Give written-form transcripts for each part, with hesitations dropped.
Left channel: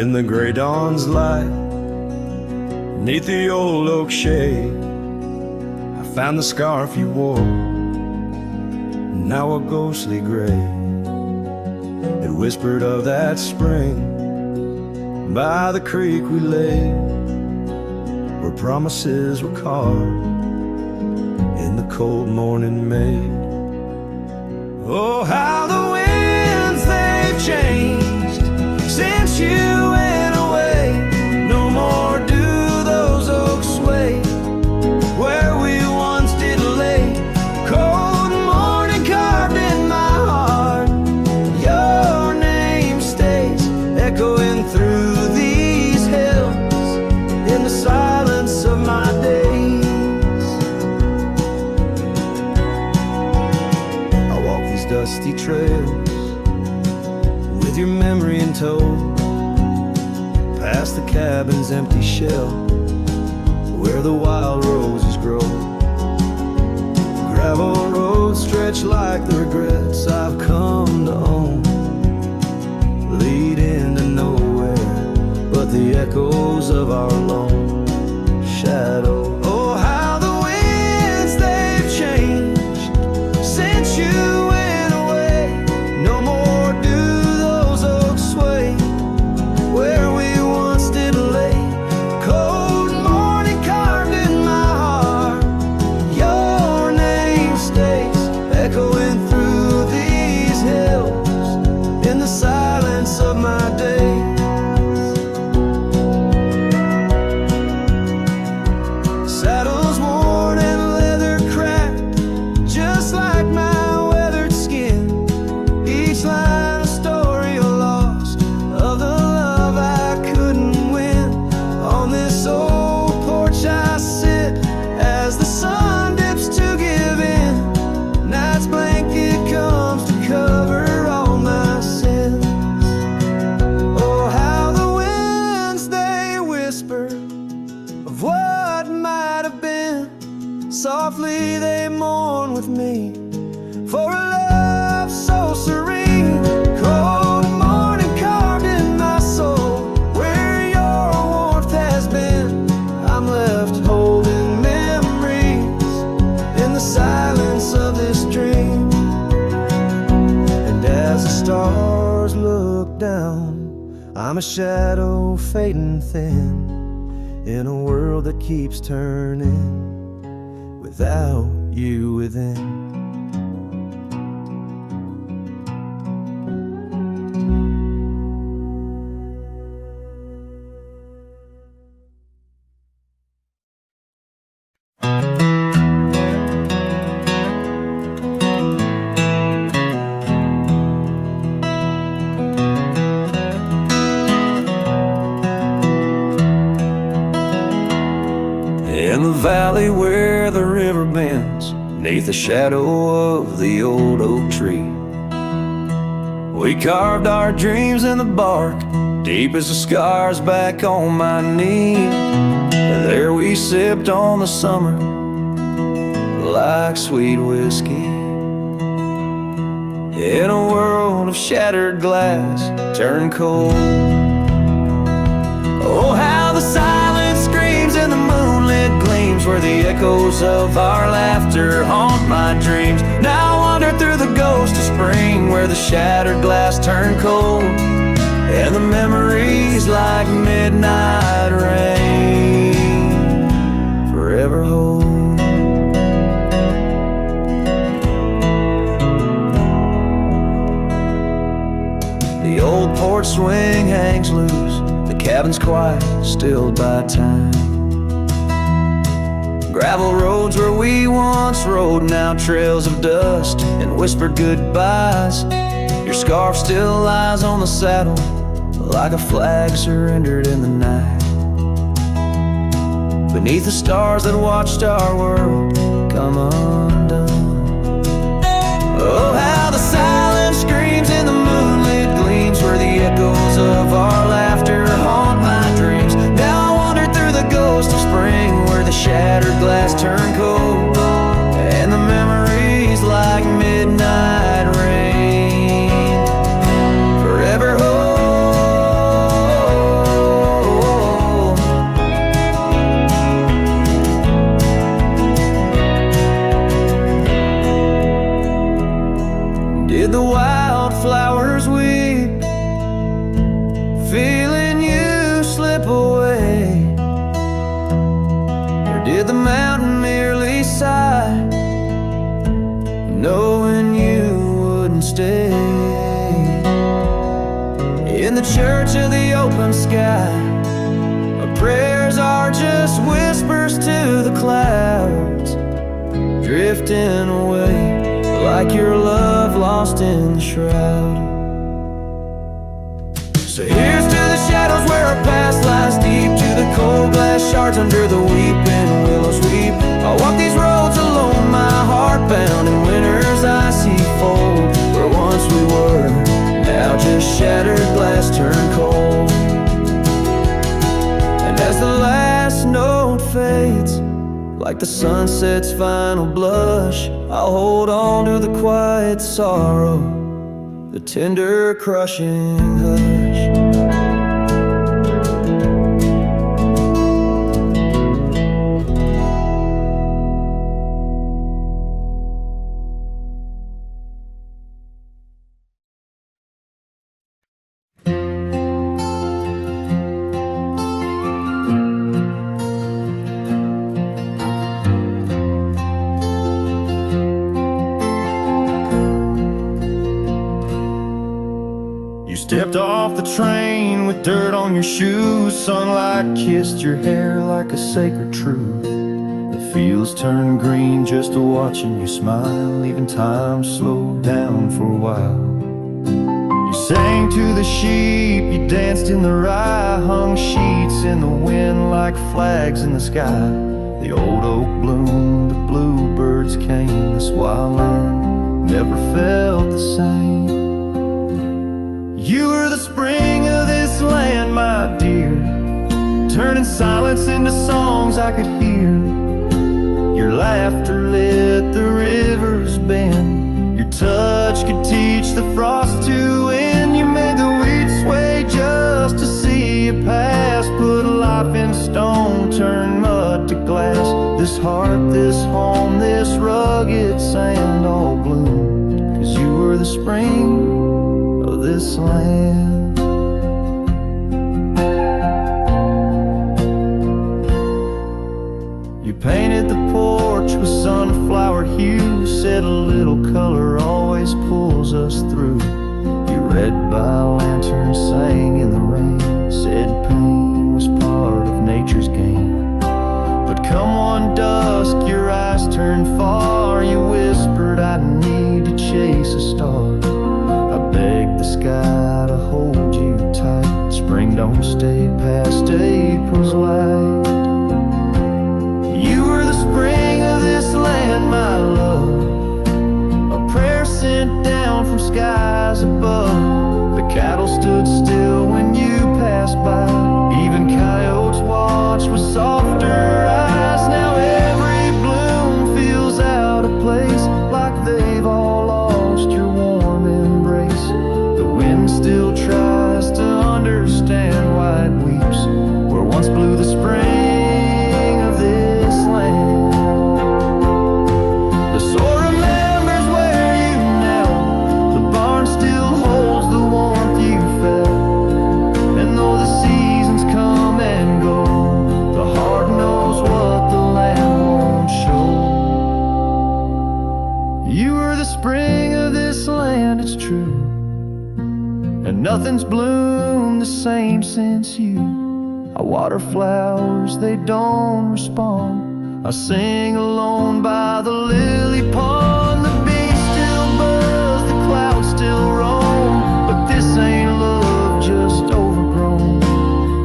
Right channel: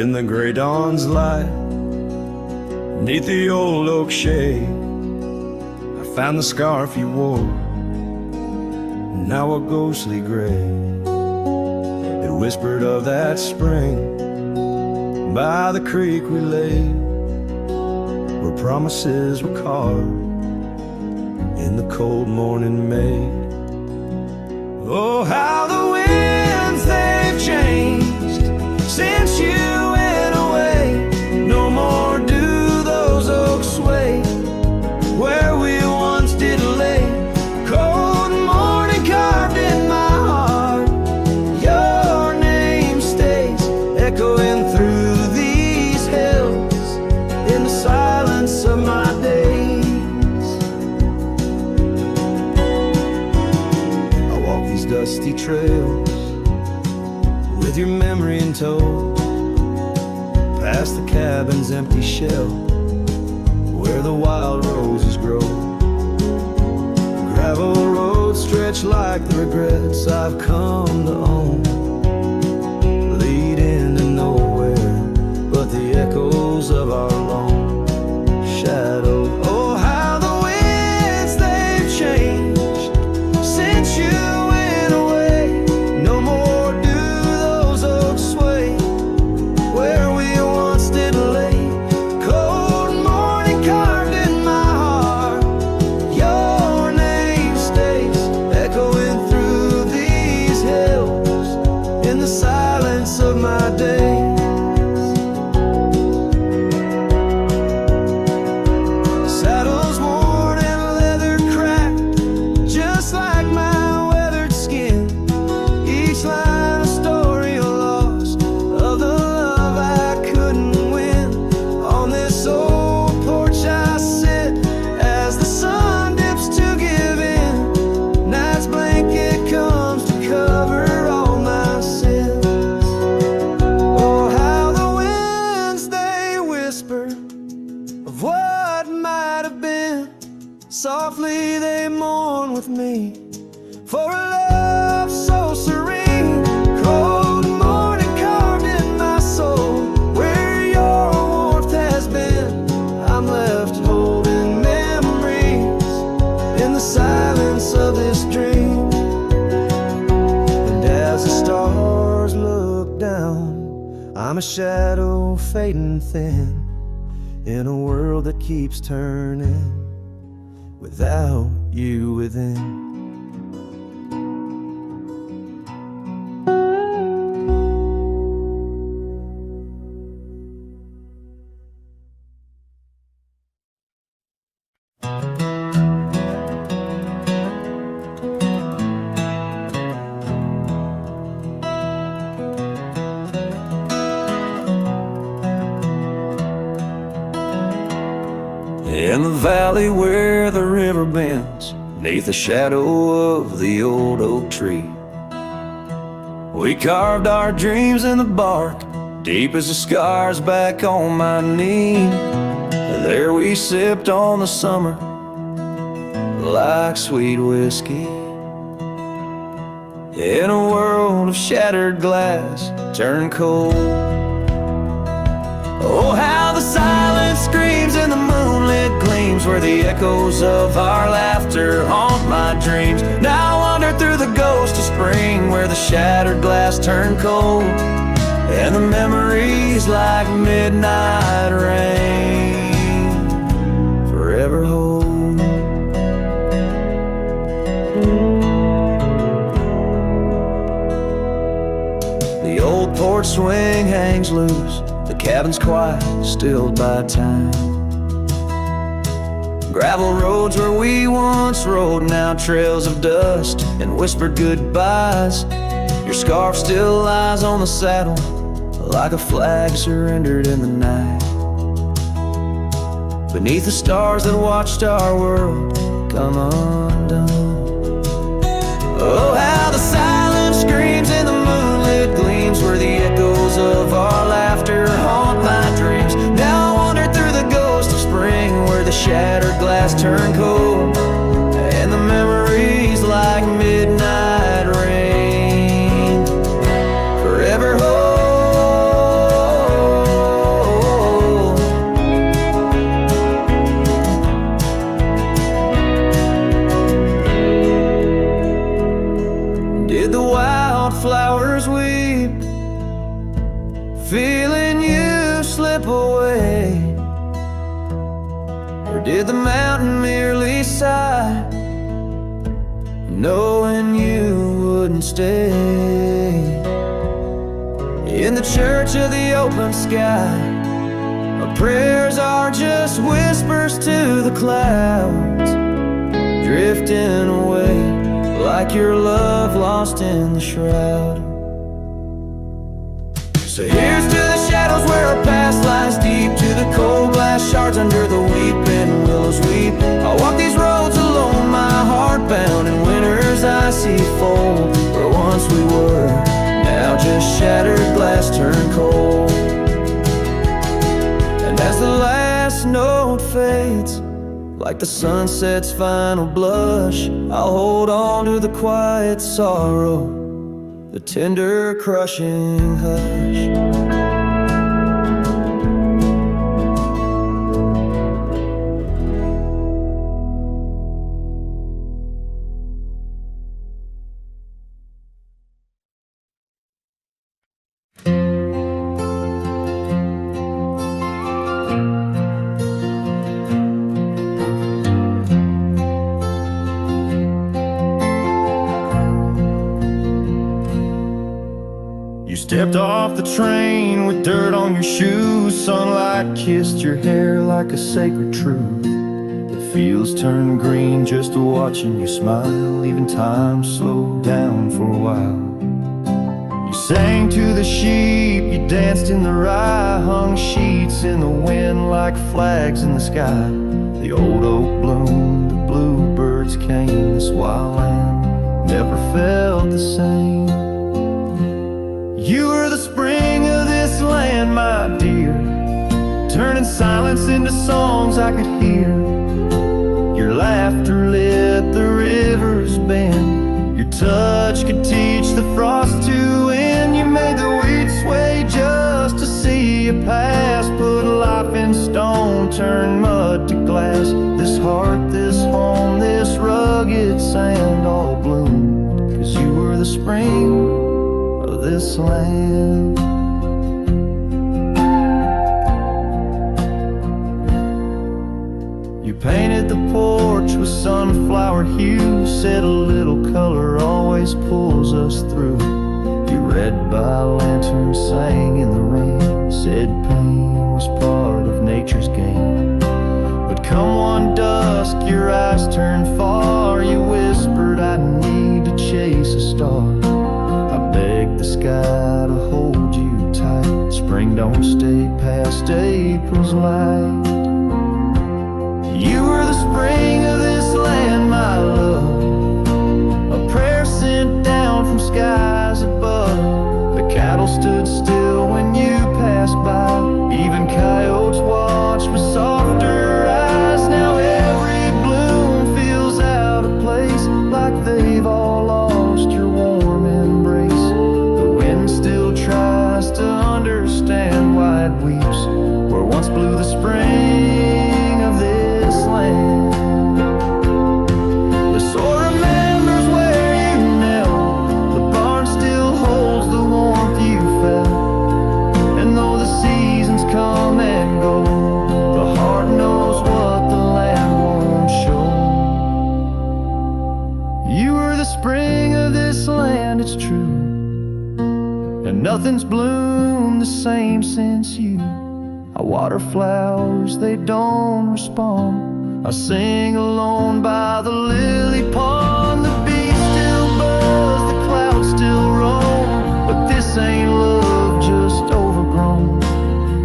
in the gray dawn's light. Neath the old oak shade, I found the scarf you wore, now a ghostly gray. It whispered of that spring by the creek we lay, where promises were carved in the cold morning May. Oh, how the winds they've changed since you went away. No more do those oaks sway where we once did lay. Cold morning carved in my heart, your name stays echoing through these hills in the silence of my days. I walk these dusty trails with your memory in tow, past the cabin's empty shell where the wild roses grow. Gravel roads stretch like the regrets I've come to own, lead into nowhere but the echoes of our lone shadow. Oh, how the winds they've changed since you went away. No more do those oaks sway where we once did lay. Cold morning carved in my heart, your name stays echoing through these hills in the silence of my days. Saddles worn and leather cracked, just like my weathered skin. Each line a story lost of the love I couldn't win. On this old porch I sit as the sun dips to give in. Night's blanket comes to cover all my sins. Oh, how the winds they whisper of what might have been. Softly they mourn with me for a love so serene. Cold morning carved in my soul where your warmth has been. I'm left holding memories in the silence of this dream. And as the stars look down, I'm a shadow fading thin in a world that keeps turning without you within. In the valley where the river bends, neath the shadow of the old oak tree, we carved our dreams in the bark, deep as the scars back on my knee. There we sipped on the summer like sweet whiskey, in a world of shattered glass turned cold. Oh, how the silence screams and the moonlit gleams where the echoes of our laughter haunt my dreams. Now I wander through the ghost of spring where the shattered glass turned cold, and the memories like midnight rain forever hold. The old porch swing hangs loose, the cabin's quiet, stilled by time. Gravel roads where we once rode, now trails of dust and whispered goodbyes. Your scarf still lies on the saddle like a flag surrendered in the night, beneath the stars that watched our world come undone. Oh, how the silence screams and the moonlit gleams where the echoes of our laughter haunt my dreams. Now I wander through the ghost of spring where the shattered glass turned cold, and the memories like midnight rain forever hold. Did the wildflowers weep, feeling you slip away? Or did the mountain merely sigh, knowing you wouldn't stay? In the church of the open sky, our prayers are just whispers to the clouds, drifting away like your love lost in the shroud. So here's to the shadows where our past lies deep, to the cold glass shards under the weeping willows weep. I walk these roads alone, my heart bound in winter's icy fold, where once we were, now just shattered glass turned cold. And as the last note fades, like the sunset's final blush, I'll hold on to the quiet sorrow, the tender crushing hush. Stepped off the train with dirt on your shoes. Sunlight kissed your hair like a sacred truth. The fields turned green just watching you smile. Even time slowed down for a while. You sang to the sheep, you danced in the rye, hung sheets in the wind like flags in the sky. The old oak bloomed, the bluebirds came. This wild land never felt the same. You were the spring of this land, my dear, turning silence into songs I could hear. Your laughter lit the river's bend. Your touch could teach the frost to end. You made the weeds sway just to see you pass. Put life in stone, turn mud to glass. This heart, this home, this rugged sand all bloomed 'cause you were the spring of this land. You painted the porch with sunflower hue, said a little color always pulls us through. You read by lantern, sang in the rain, said pain was part of nature's game. But come one dusk, your eyes turned far. You whispered, I need to chase a star. I begged the sky to hold you tight. Spring don't stay past April's light. You were the spring of this land, my love, a prayer sent down from skies above. The cattle stood still when you passed by. Even coyotes watched with softer eyes. Now every bloom feels out of place, like they've all lost your warm embrace. The wind still tries to understand why it weeps where once blew the spring of this land. The soil remembers where you knelt. The barn still holds the warmth you felt. And though the seasons come and go, the heart knows what the land won't show. You were the spring of this land, it's true, and nothing's bloomed the same since you. I water flowers, they don't respond. I sing alone by the lily pond. The bees still buzz, the clouds still roam, but this ain't love just overgrown.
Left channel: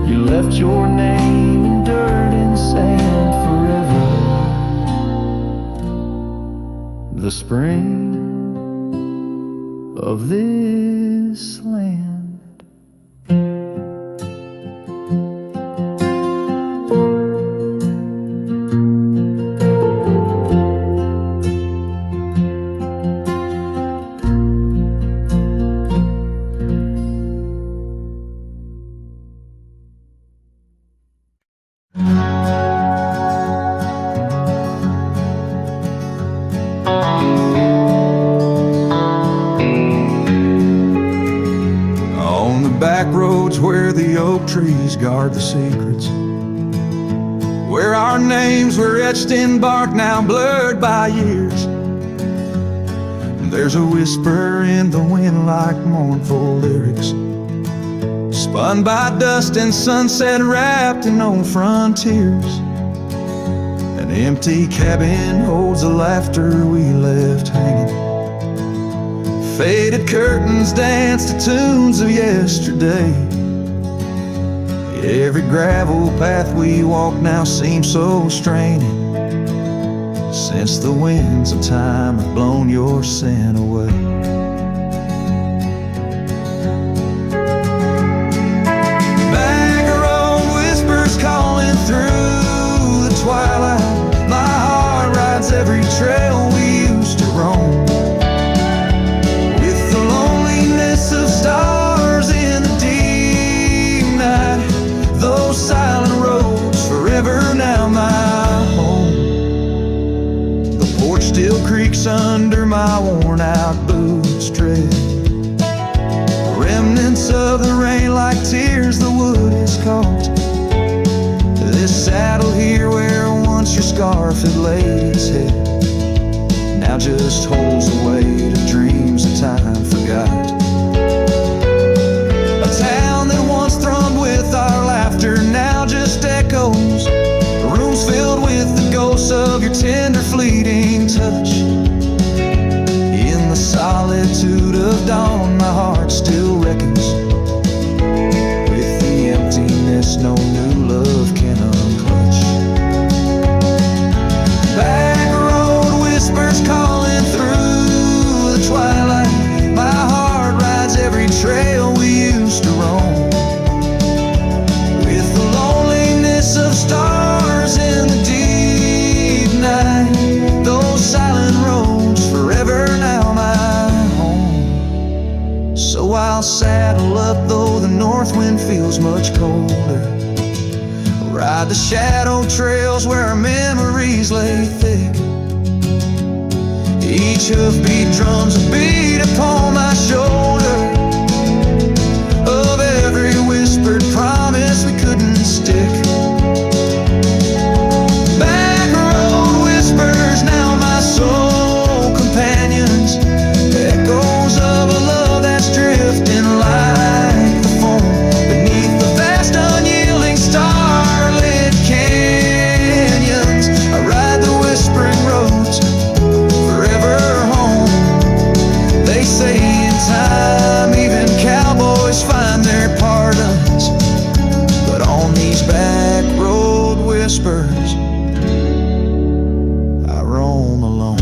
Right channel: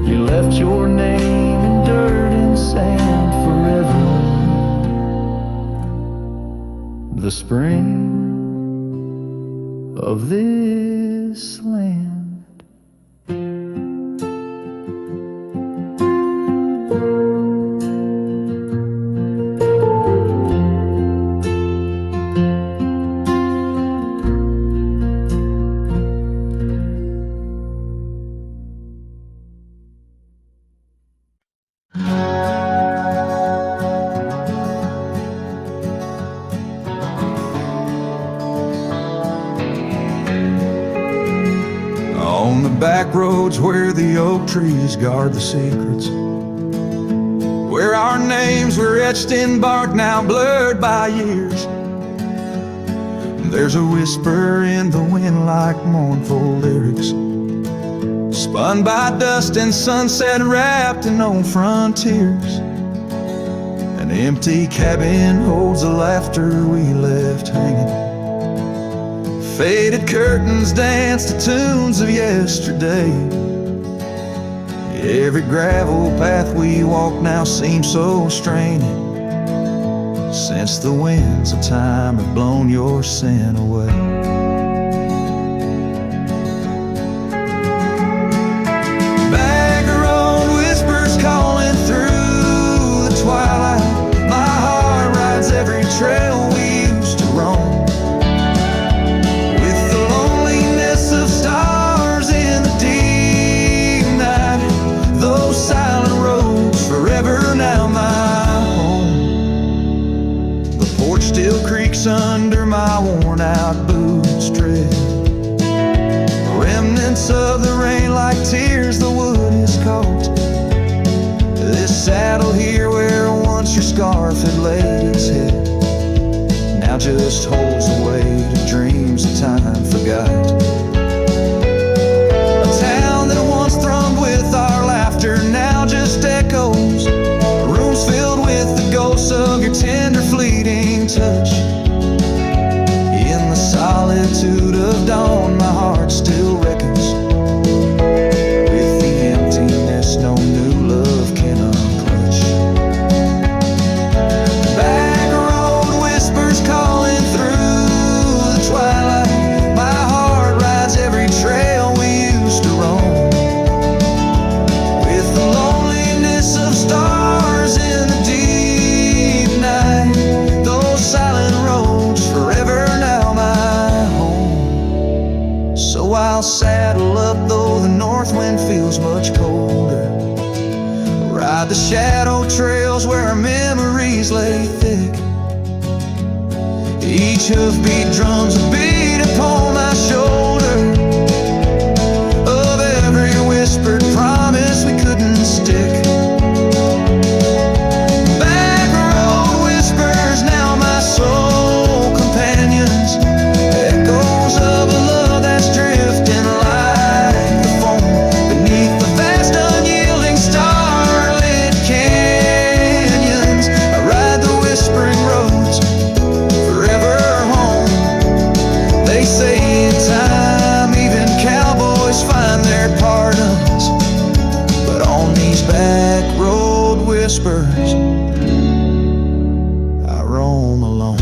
You left your name in dirt and sand forever. The spring of this land. back roads where the oak trees guard the secrets, where our names were etched in bark, now blurred by years. There's a whisper in the wind like mournful lyrics, spun by dust and sunset, wrapped in old frontiers. An empty cabin holds the laughter we left hanging. Faded curtains dance to tunes of yesterday. Every gravel path we walk now seems so straining, since the winds of time have blown your sin away. Back road whispers calling through the twilight. My heart rides every trail we used to roam, with the loneliness of stars in the deep night. Those silent roads forever now my home. The porch still creaks under my worn out boots tread. Remnants of the rain like tears the wood is caught. This saddle here where once your scarf had laid its head now just holds the weight of dreams that time forgot. A town that once thrummed with our laughter now just echoes. Rooms filled with the ghosts of your tender fleeting touch. In the solitude of dawn, my heart still reckons with the emptiness no new love can unclutch. Back road whispers calling through the twilight. My heart rides every trail we used to roam, with the loneliness of stars in the deep night. Those silent roads forever now my home. So I'll saddle up though the north wind feels much colder, ride the shadow trails where our memories lay thick. Each hoofbeat drums a beat upon my shoulder of every whispered promise we couldn't stick. Back road whispers now my soul companions, echoes of a love that's drifting like the foam beneath the vast unyielding starlit canyons. I ride the whispering roads forever home. They say in time even cowboys find their pardons, but on these back road whispers I roam alone.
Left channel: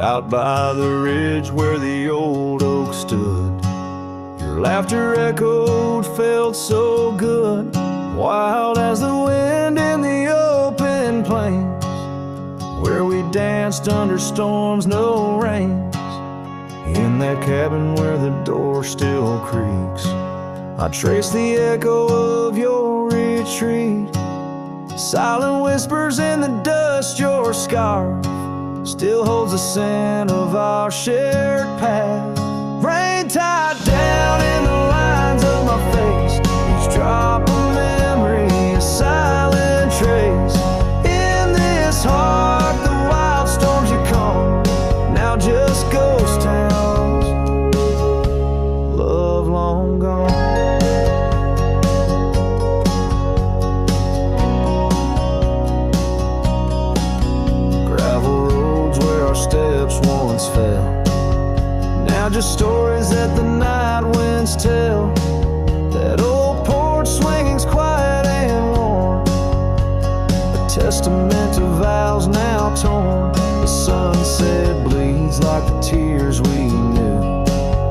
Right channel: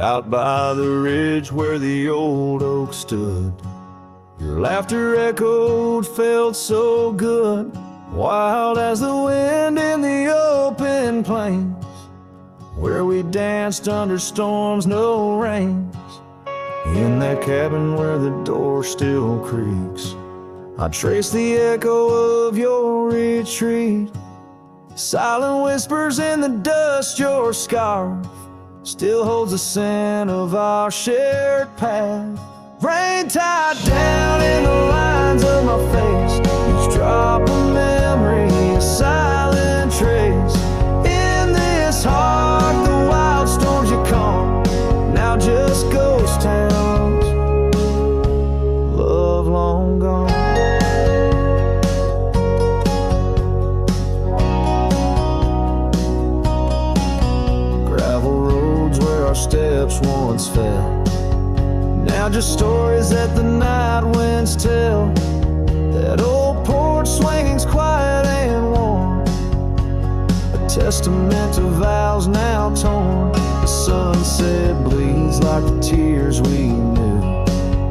Out by the ridge where the old oak stood, your laughter echoed, felt so good. Wild as the wind in the open plains, where we danced under storms, no rains. In that cabin where the door still creaks, I trace the echo of your retreat. Silent whispers in the dust, your scarf still holds the scent of our shared path. Rain tied down in the lines of my face, each drop of memory a silent trace. In this heart the wild storms you calm, now just ghost towns, love long gone. Gravel roads where our steps once fell, now just stories that the night winds tell. That old porch swinging's quiet and warm, a testament to vows now torn. The sunset bleeds like the tears we knew.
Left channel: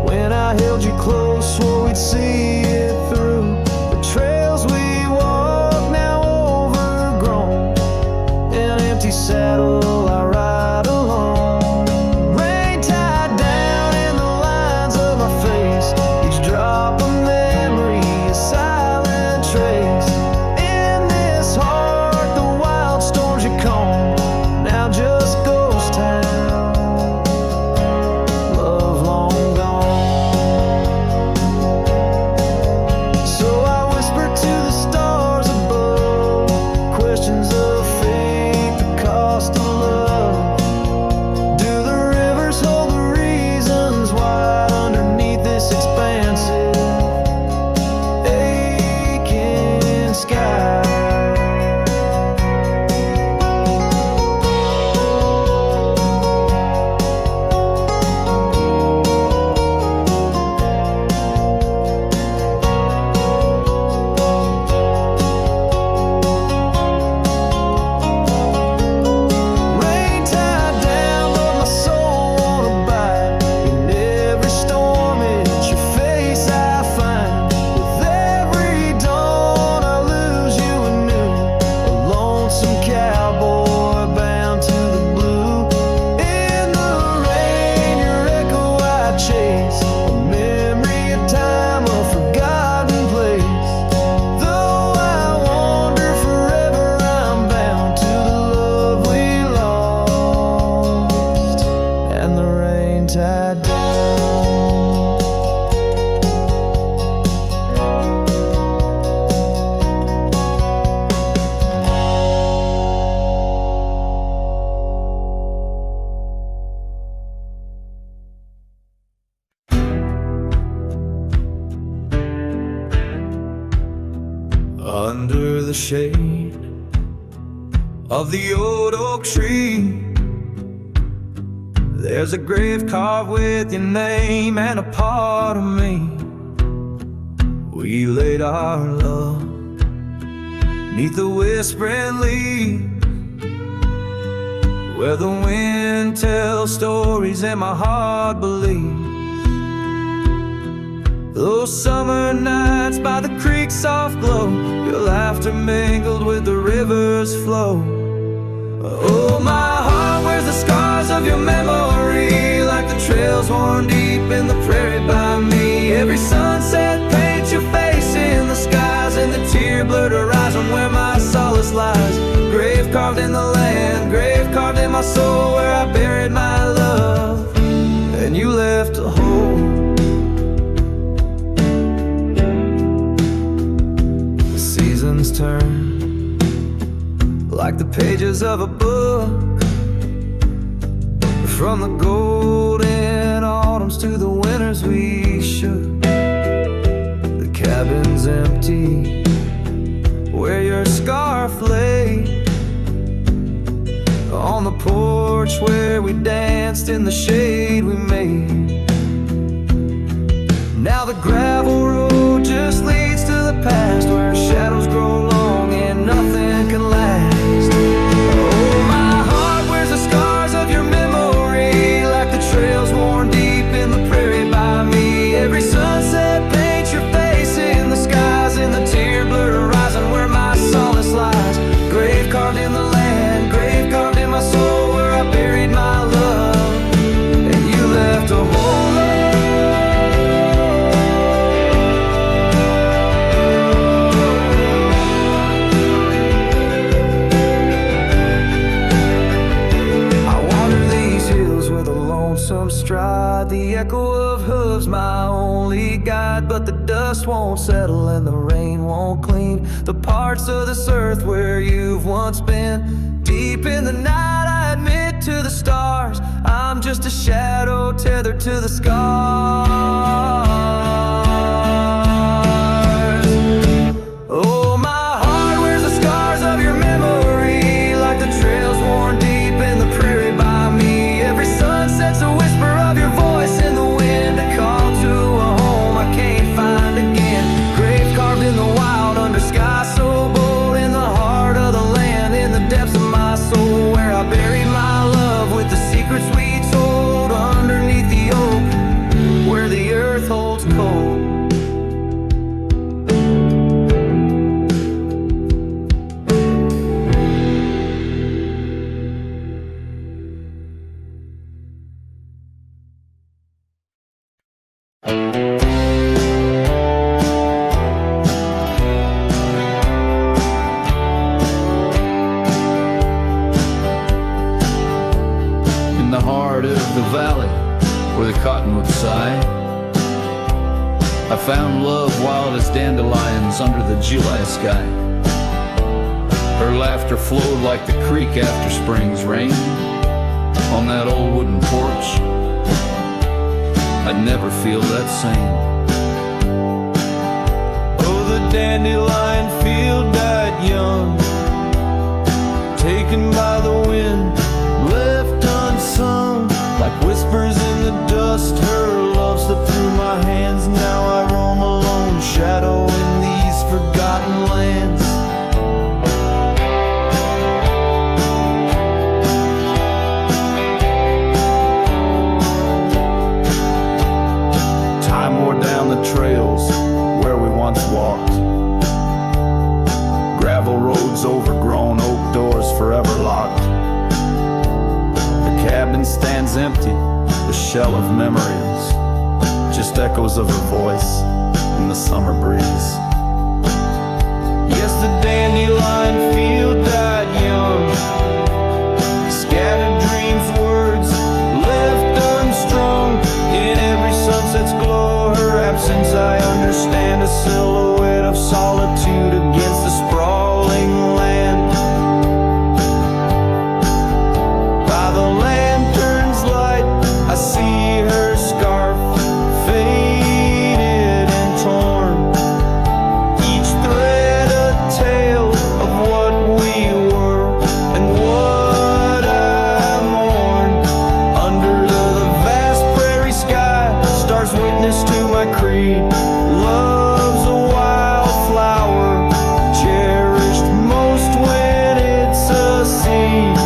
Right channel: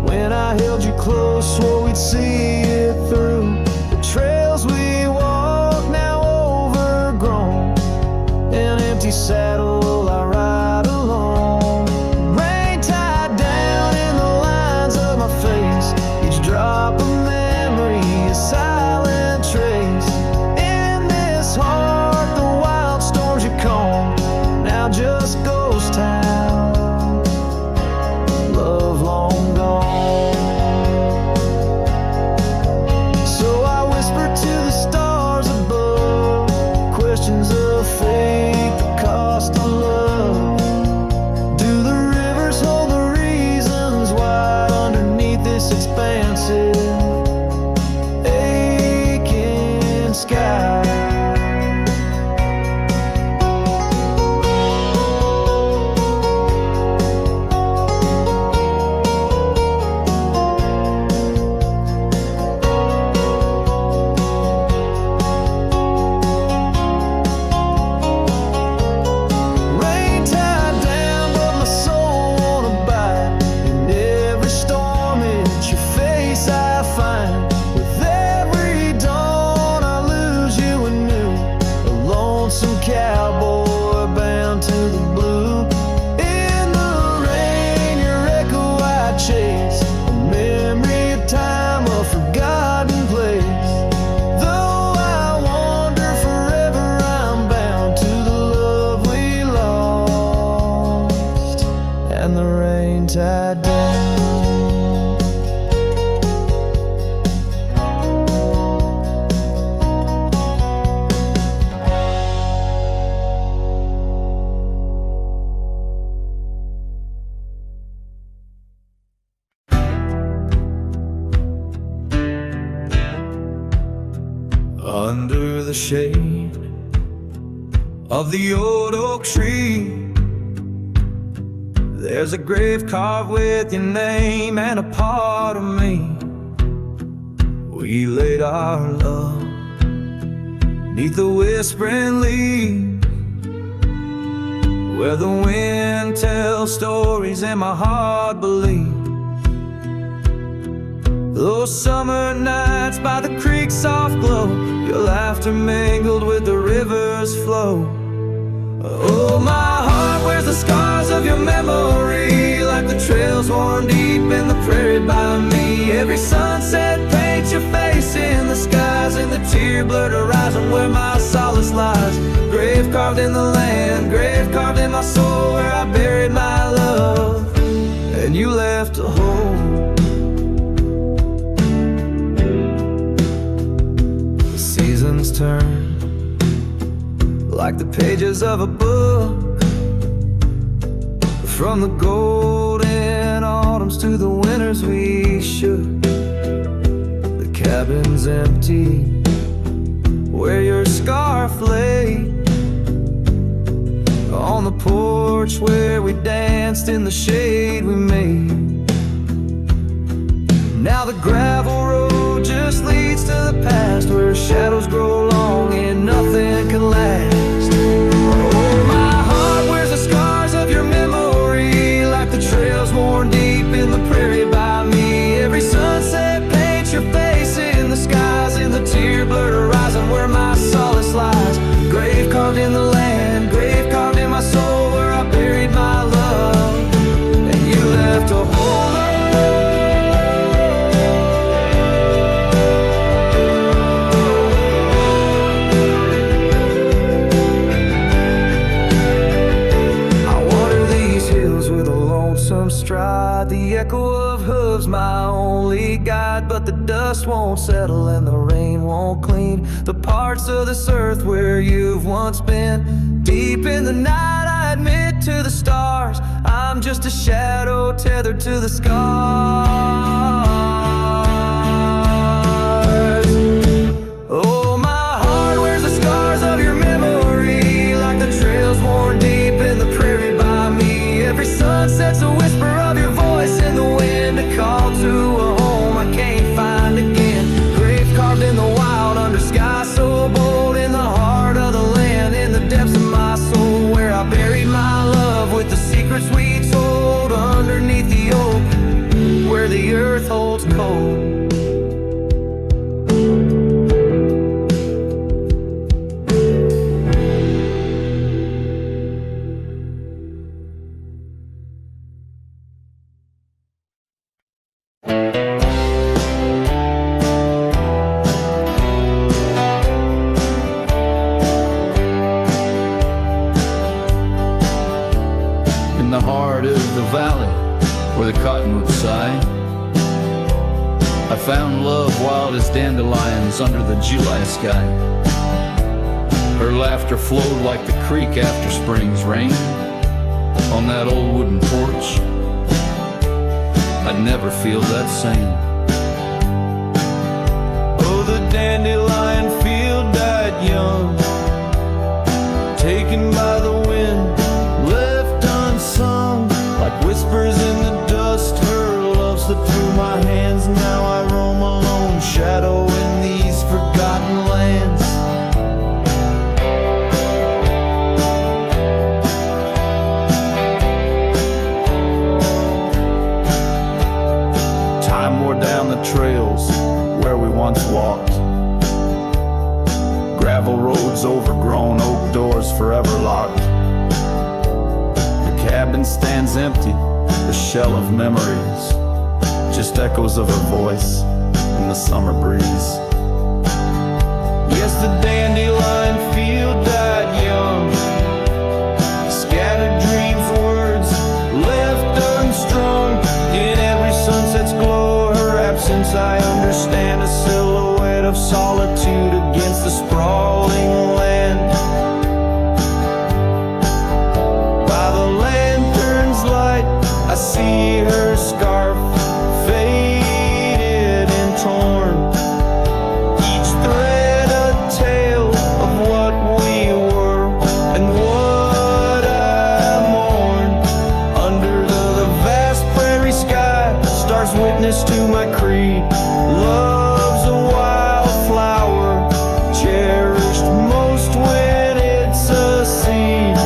When I held you close, swore we'd see it through. The trails we walk now overgrown, an empty saddle I ride alone. Rain tied down in the lines of my face, each drop this expansive, aching sky. Cowboy bound to the blue. In the rain, your echo I chase, a memory of time, a forgotten place. Though I wander forever, I'm bound to the love we lost, and the rain tied down. Under the shade of the old oak tree, there's a grave carved with your name and a part of me. We laid our love 'neath the whispering leaves, where the wind tells stories and my heart believes. Those summer nights by the creek's soft glow, your laughter mingled with the river's flow. Oh, my heart wears the scars of your memory, like the trails worn deep in the prairie by me. Every sunset paints your face in the skies, and the tear-blurred horizon where my solace lies. Grave carved in the land, grave carved in my soul, where I buried my love, and you left a hole. Seasons turn like the pages of a book, from the golden autumns to the winters we shook. The cabin's empty where your scarf lay, on the porch where we danced in the shade we made. Now the gravel road just leads to the past, where shadows grow long and nothing can last. Oh, my heart wears the scars of your memory, like the trails worn deep in the prairie by me. Every sunset paints your face in the skies, in the tear-blurred horizon where my solace lies. Grave carved in the land, grave carved in my soul, where I buried my love, and you left a hole. With a lonesome stride, the echo of hooves my only guide. But the dust won't settle and the rain won't clean the parts of this earth where you've once been. Deep in the night I admit to the stars, I'm just a shadow tethered to the scars. Oh, my heart wears the scars of your memory, like the trails worn deep in the prairie by me. Every sunset's a whisper of your voice in the wind, a call to a home I can't find again. Grave carved in the wild under sky so bold, in the heart of the land, in the depths of my soul, where I buried my love with the secrets we told, underneath the oak where the earth holds cold. In the heart of the valley where the cottonwoods sigh, I found love wild as dandelions under the July sky. Her laughter flowed like the creek after spring's rain on that old wooden porch. I'd never feel that same. Oh, the dandelion field died young, taken by the wind, left unsung, like whispers in the dust. Her love slipped through my hands. Now I roam alone, shadow in these forgotten lands. Time wore down the trails where we once walked, gravel roads overgrown, oak doors forever locked. The cabin stands empty, the shell of memories, just echoes of her voice in the summer breeze. Yes, the dandelion field died young, scattered dreams, words left unstrung. In every sunset's glow, her absence I understand, a silhouette of solitude against the sprawling land. By the lantern's light, I see her scarf, faded and torn, each thread a tale of what we were and what I mourn. Under the vast prairie sky, stars witness to my creed. Love's a wildflower, cherished most when it's a seed.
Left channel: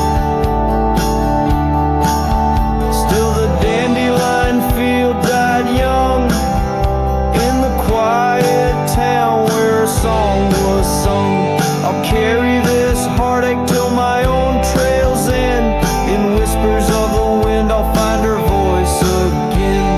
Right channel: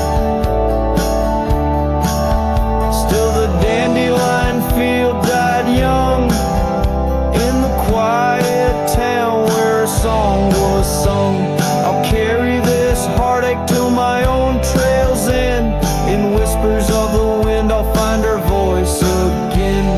Still the dandelion field died young, in the quiet town where a song was sung. I'll carry this heartache till my own trail's end. In whispers of the wind, I'll find her voice again.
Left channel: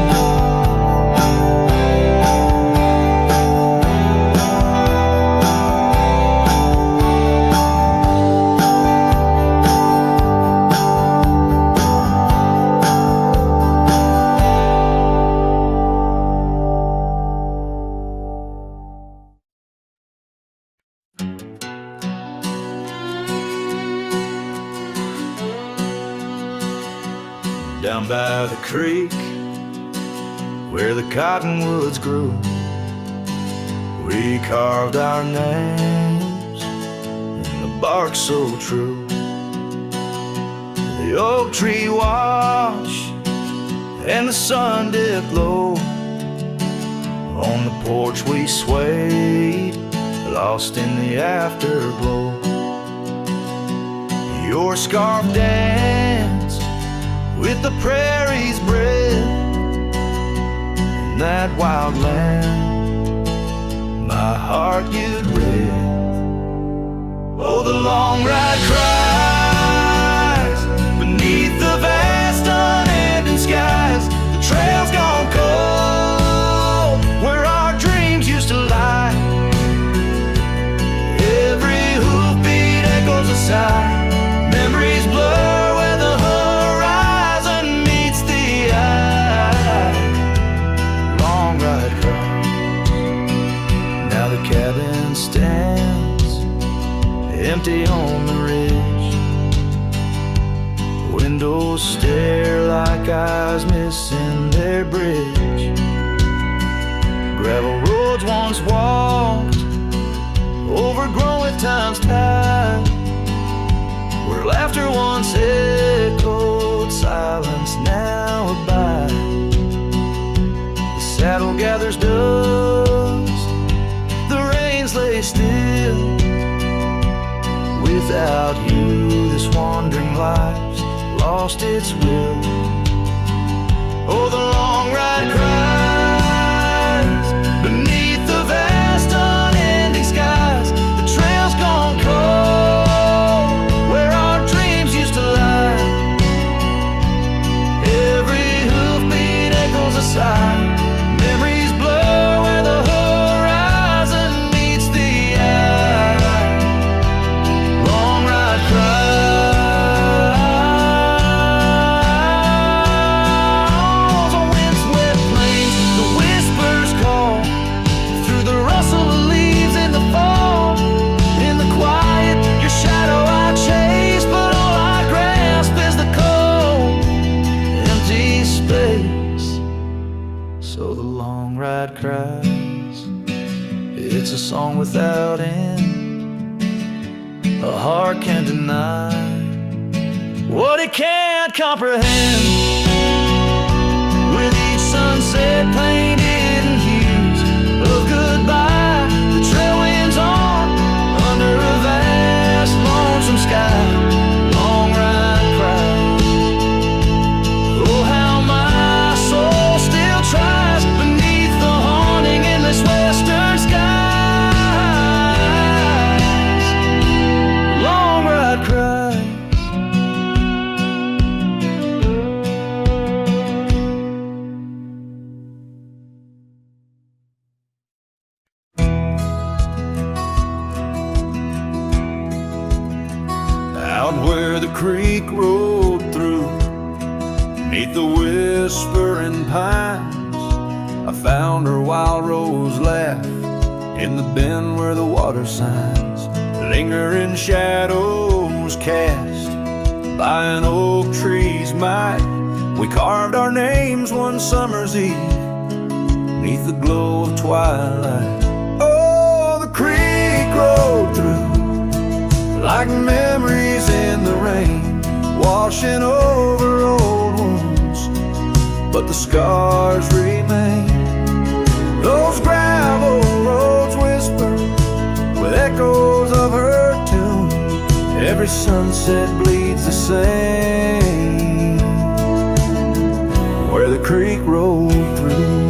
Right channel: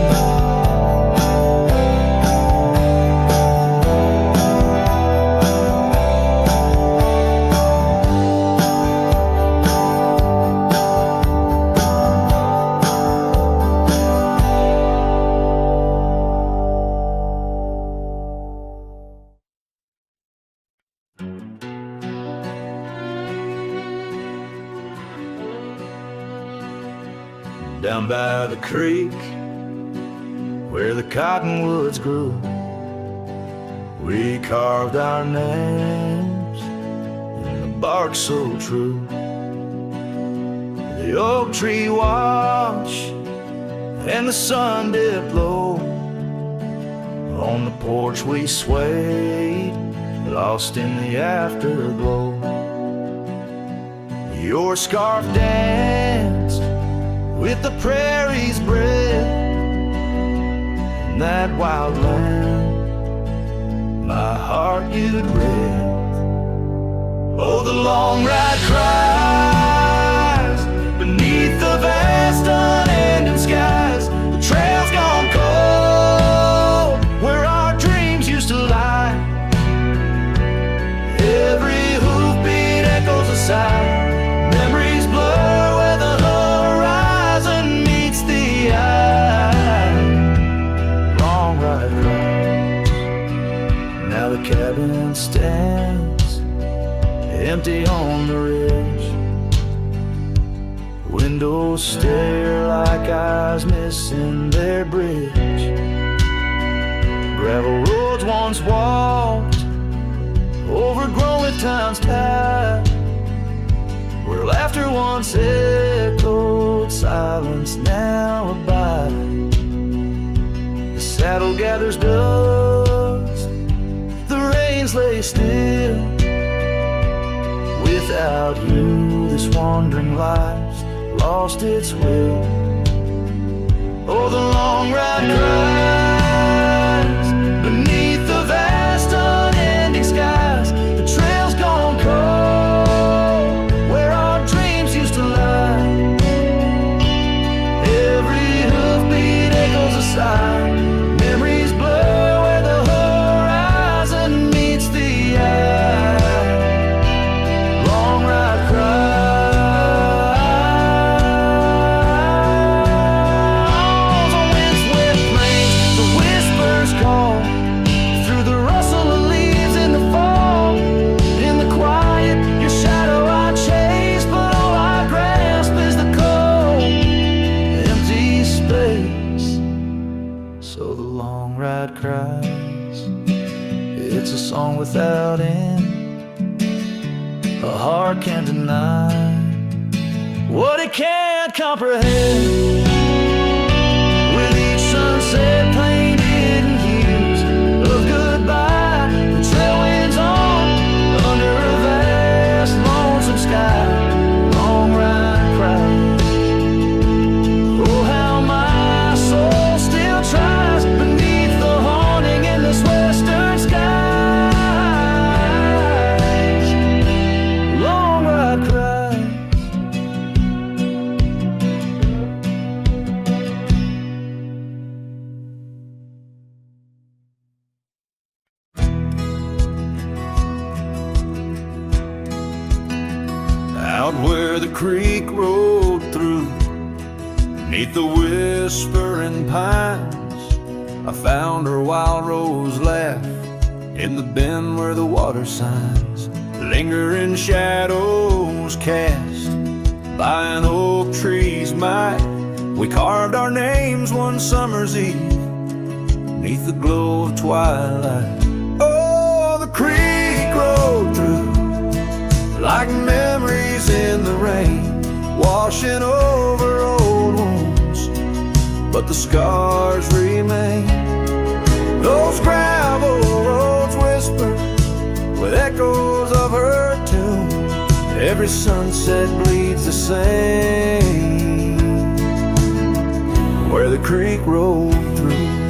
Down by the creek, where the cottonwoods grew, we carved our names in the bark so true. The oak tree watched and the sun dipped low. On the porch we swayed, lost in the afterglow. Your scarf danced with the prairie's breath, in that wild land my heart you'd read. Oh, the long ride cries beneath the vast unending skies. The trail's gone cold where our dreams used to lie. Every hoofbeat echoes a sigh. Memories blur where the horizon meets the eye. Long ride cries. Now the cabin stands empty on the ridge. Windows stare like eyes missing their bridge. Gravel roads once walked, overgrown with time's tide. Where laughter once echoed, silence now abide. The saddle gathers dust, the reins lay still. Without you, this wandering life's lost its will. Oh, the long ride cries beneath the vast unending skies. The trail's gone cold where our dreams used to lie. Every hoofbeat echoes a sigh. Memories blur where the horizon meets the eye. Long ride cries on windswept plains. The whispers call through the rustle of leaves in the fall. In the quiet, your shadow I chase, but all I grasp is the cold, empty space so the long ride cries. It's a song without end, a heart can't deny what it can't comprehend. With each sunset painted in hues of goodbye, the trail winds on under a vast lonesome sky. Long ride cries. Oh, how my soul still tries beneath the haunting endless western skies. Long ride cries. Out where the creek rolled through, neath the whispering pines, I found her wild rose laugh in the bend where the water signs lingering shadows cast by an oak tree's might. We carved our names one summer's eve neath the glow of twilight. Oh, the creek rolled through like memories in the rain, washing over old wounds, but the scars remain. Those gravel roads whisper with echoes of her tune. Every sunset bleeds the same where the creek rolled through.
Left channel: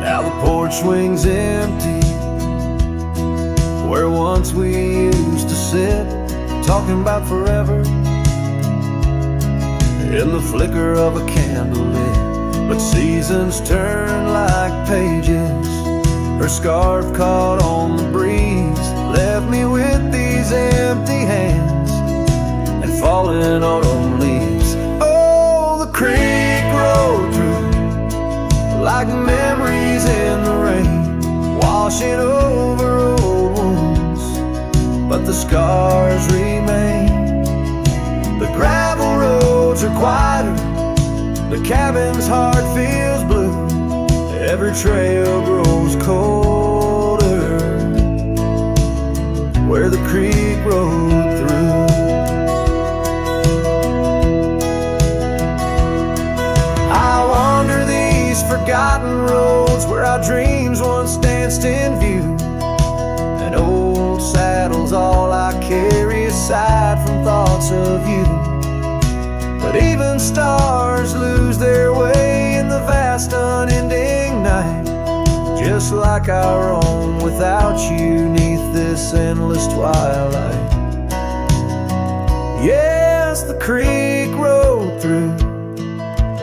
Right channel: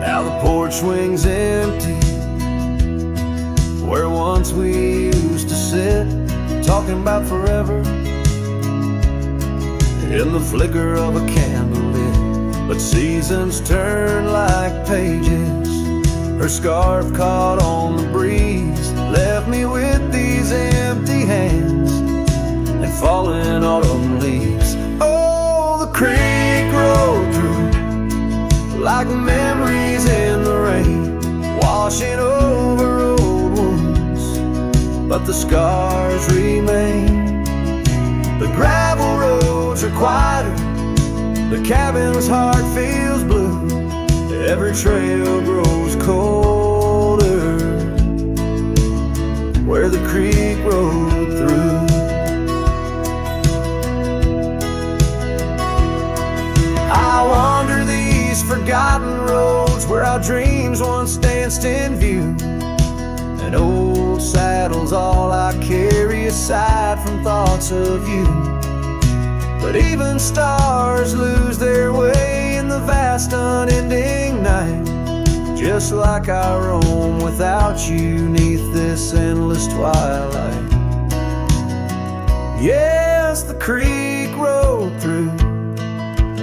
Now the porch swings empty where once we used to sit, talking about forever in the flicker of a candle lit. But seasons turn like pages. Her scarf caught on the breeze left me with these empty hands and falling autumn leaves. Oh, the creek rolled through like memories in the rain, washing over old wounds, but the scars remain. The gravel roads are quieter, the cabin's heart feels blue. Every trail grows colder where the creek rolled through. I wander these forgotten roads where our dreams once danced in view. An old saddle's all I carry aside from thoughts of you. But even stars lose their way in the vast unending night, just like I roam without you neath this endless twilight. Yes, the creek rolled through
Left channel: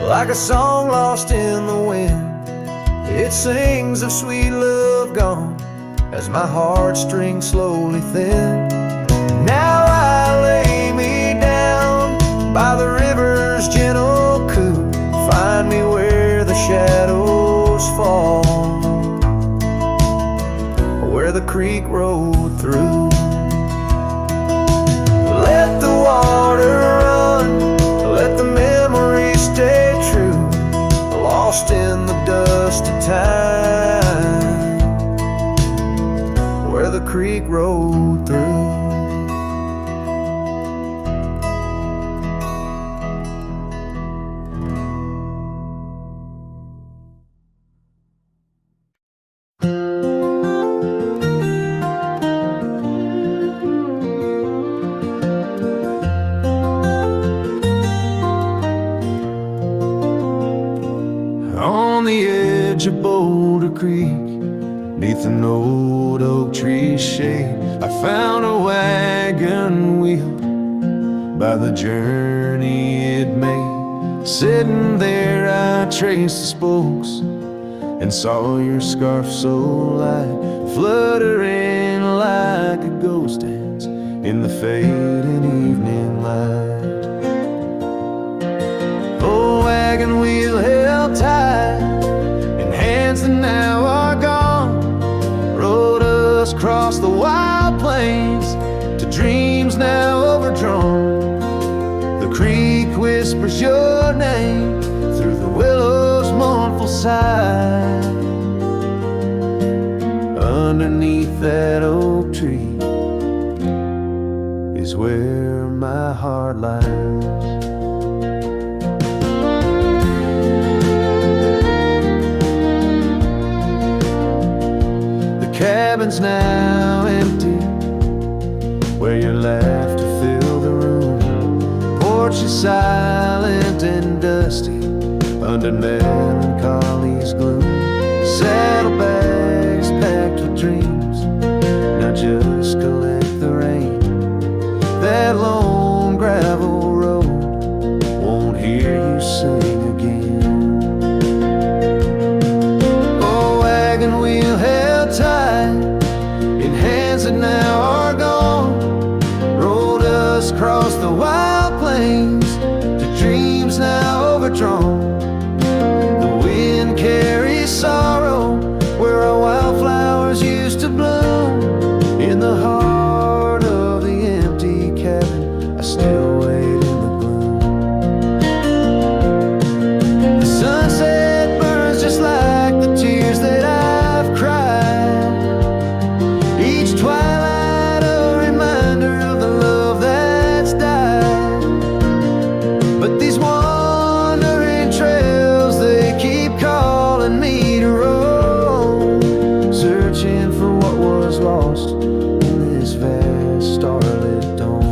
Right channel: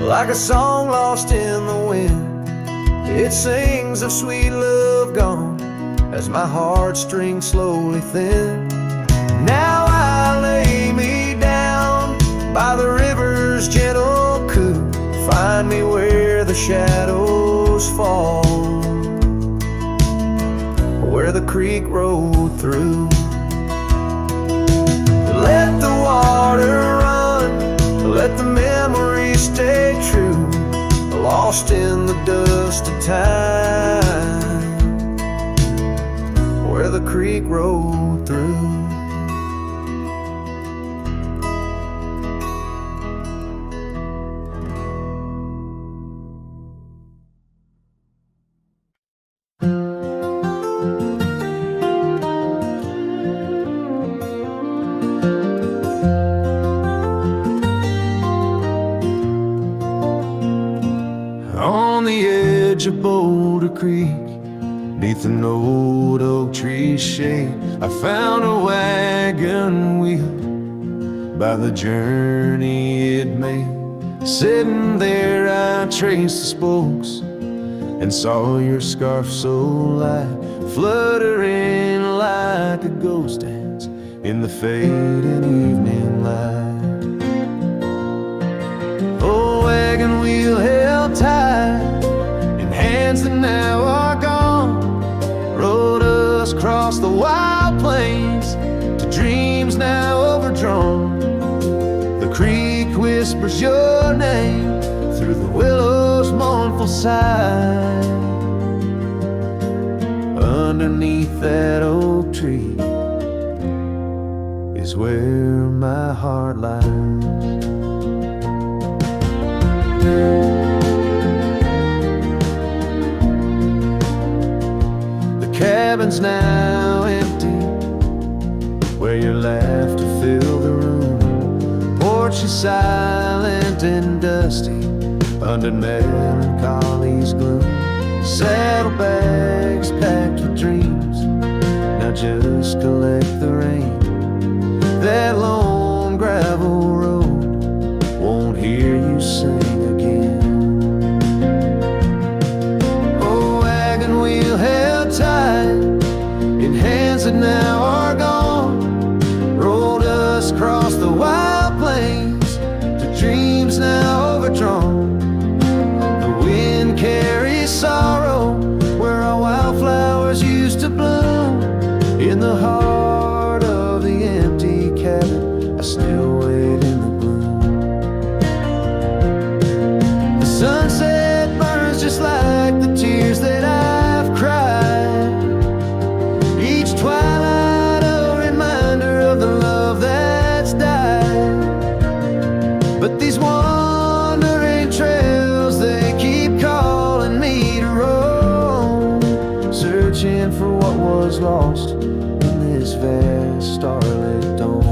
like a song lost in the wind. It sings of sweet love gone as my heartstrings slowly thin. Now I lay me down by the river's gentle coo. Find me where the shadows fall, where the creek rolled through. Let the water run, let the memories stay true, lost in the dust of time, where the creek rolled through. On the edge of Boulder Creek, neath an old oak tree's shade, I found a wagon wheel by the journey it made. Sitting there I traced the spokes and saw your scarf so light, fluttering like a ghost dance in the fading evening light. Oh, wagon wheel held tight in hands that now are gone, rode us across the wild plains to dreams now overdrawn. The creek whispers your name through the willow's mournful sigh. Underneath that oak tree is where my heart lies. The cabin's now empty, where your laughter filled the room. Porch is silent and dusty under melancholy's gloom. Saddlebags packed with dreams, now just collect the rain. That lone gravel road won't hear you sing again. Oh, wagon wheel held tight in hands that now are gone, rolled us across the wild plains to dreams now overdrawn. The wind carries sorrow where our wildflowers used to bloom. In the heart of the empty cabin, I still wait in the gloom. The sunset burns just like the tears that I've cried. Each twilight a reminder of the love that's died. But these wandering trails, they keep calling me to roam, searching for what was lost in this vast starlit dome.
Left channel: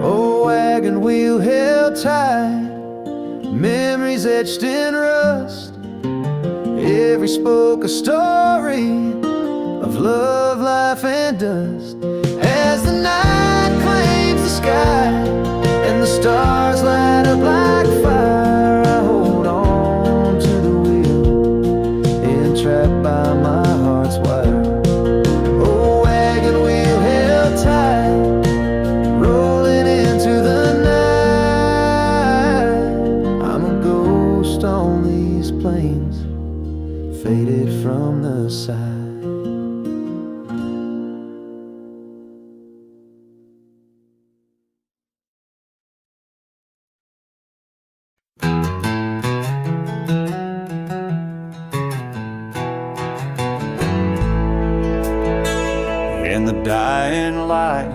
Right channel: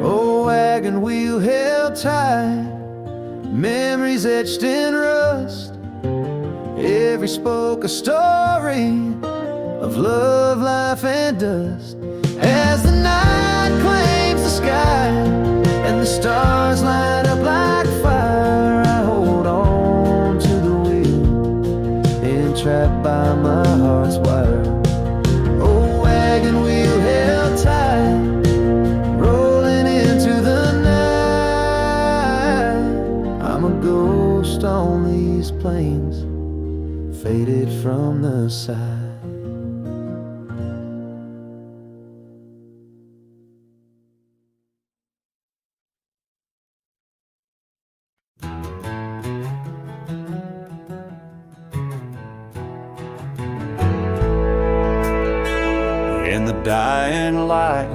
Oh, wagon wheel held tight, memories etched in rust. Every spoke a story of love, life, and dust. As the night claims the sky and the stars light up like fire, I hold on to the wheel, entrapped by my heart's wire. Oh, wagon wheel held tight, rolling into the night. I'm a ghost on these plains, faded from the side. In the dying light,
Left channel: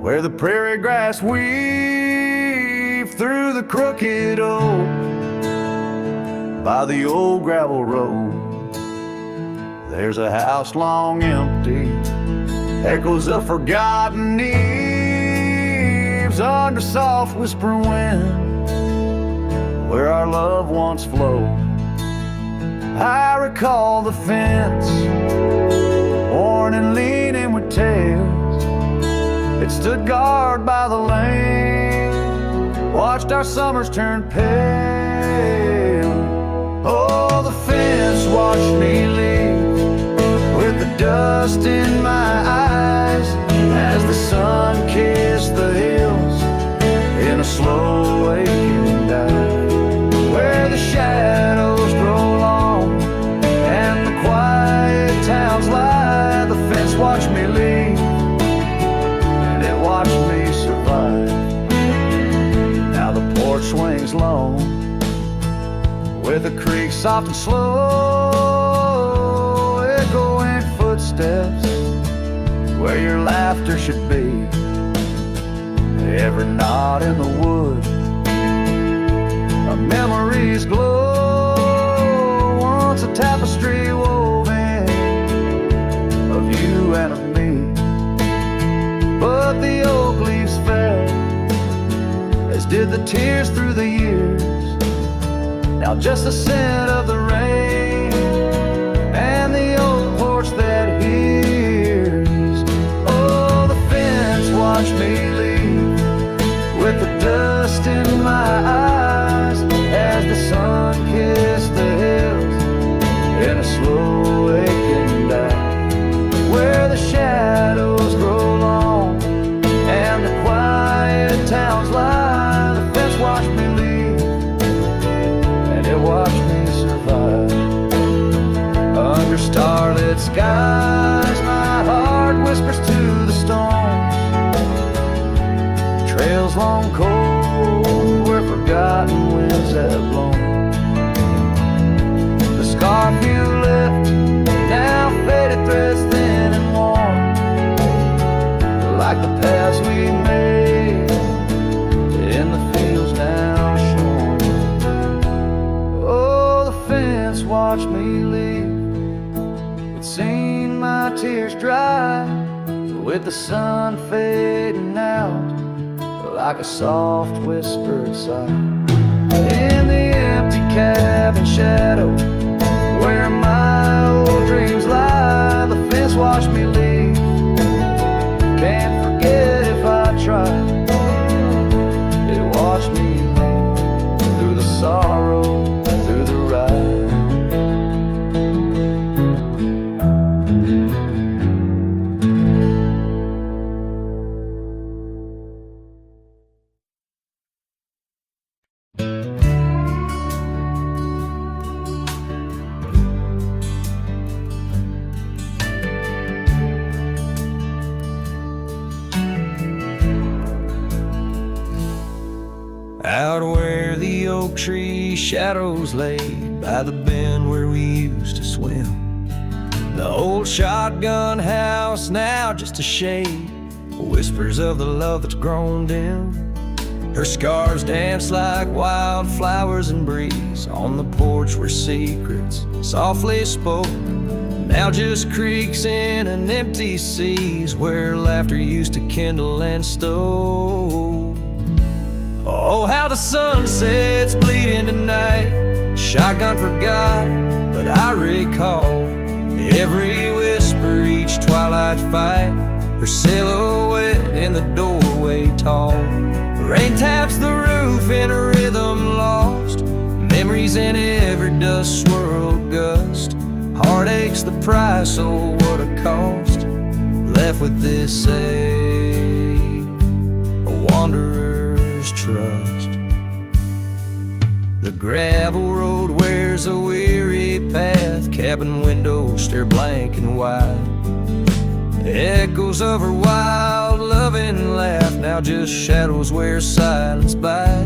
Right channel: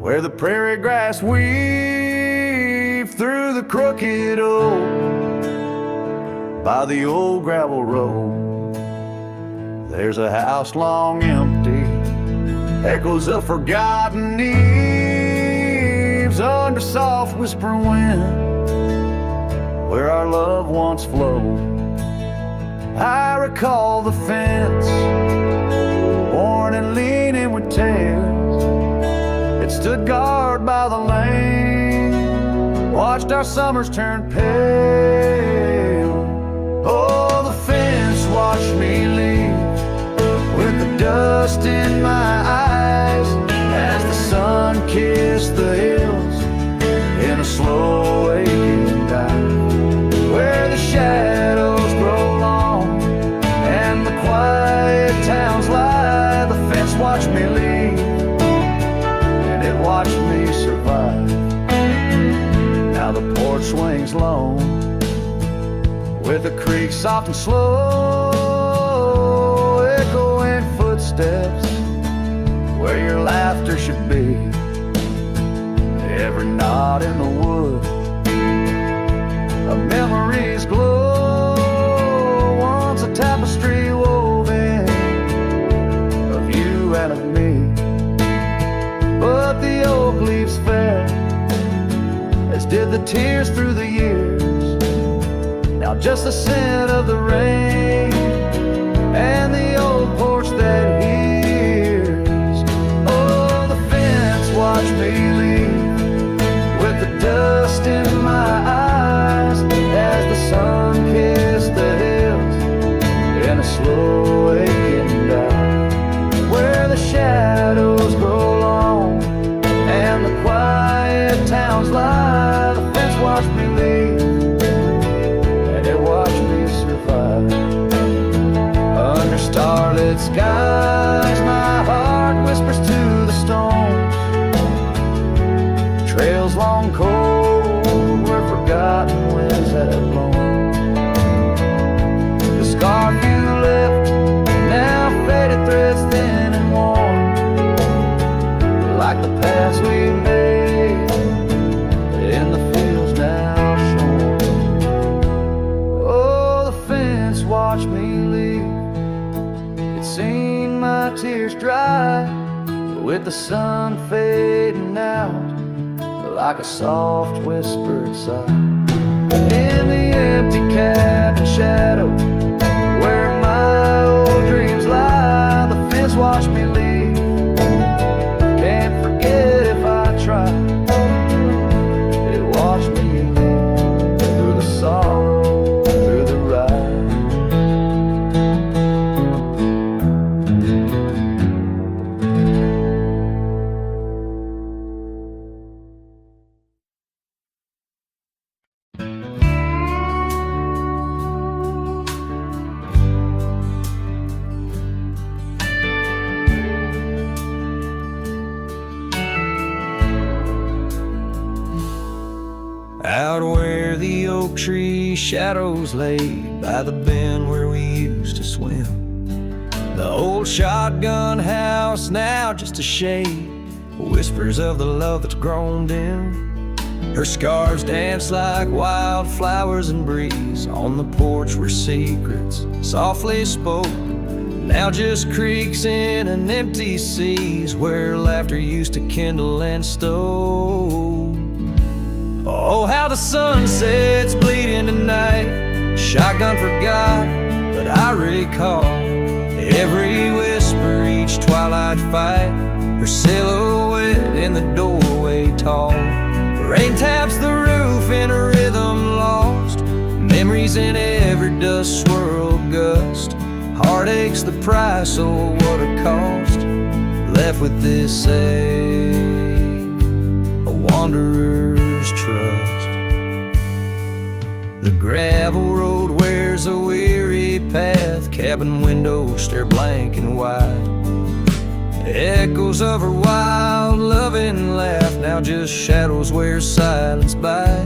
where the prairie grass weaves through the crooked oak, by the old gravel road, there's a house long empty, echoes of forgotten eves under soft whispering wind, where our love once flowed. I recall the fence, worn and leaning with tails. It stood guard by the lane, watched our summers turn pale. Oh, the fence watched me leave with the dust in my eyes as the sun kissed the hills in a slow waking dive, where the shadows grow long and the quiet towns lie. The fence watched me leave, and it watched me survive. Now the porch swings lone, with a creak soft and slow, echoing footsteps where your laughter should be. Every knot in the wood, a memory's glow, once a tapestry woven of you and of me. But the oak leaves fell, as did the tears through the years. Now just the scent of the rain and the old porch that hears. Oh, the fence watched me leave with the dust in my eyes as the sun kissed the hills in a slow aching dive, where the shadows grow long and the quiet towns lie. The fence watched me leave, and it watched me survive Under starlit skies, my heart whispers to the stones. Trails long cold where forgotten winds have blown. The scarf you left, now faded threads thin and worn, like the paths we made in the fields now shorn. Oh, the fence watched me leave. It's seen my tears dry, with the sun fading out like a soft whispered sigh. In the empty cabin shadow where my old dreams lie, the fence watched me leave. Can't forget if I try. It watched me leave through the sorrow, through the ride. Out where the oak tree shadows lay, by the bend where we used to swim, the old shotgun house now just a shade, whispers of the love that's grown dim. Her scars dance like wildflowers in breeze on the porch where secrets softly spoke, now just creaks in an empty seas where laughter used to kindle and stoke. Oh, how the sunsets bleeding tonight. Shotgun forgot, but I recall every whisper, each twilight fight, her silhouette in the doorway tall. Rain taps the roof in a rhythm lost, memories in every dust swirled gust. Heartache's the price, oh what a cost. Left with this ache, a wanderer's trust. The gravel road wears a weary path, cabin windows stare blank and wide. Echoes of her wild loving laugh, now just shadows where silence by.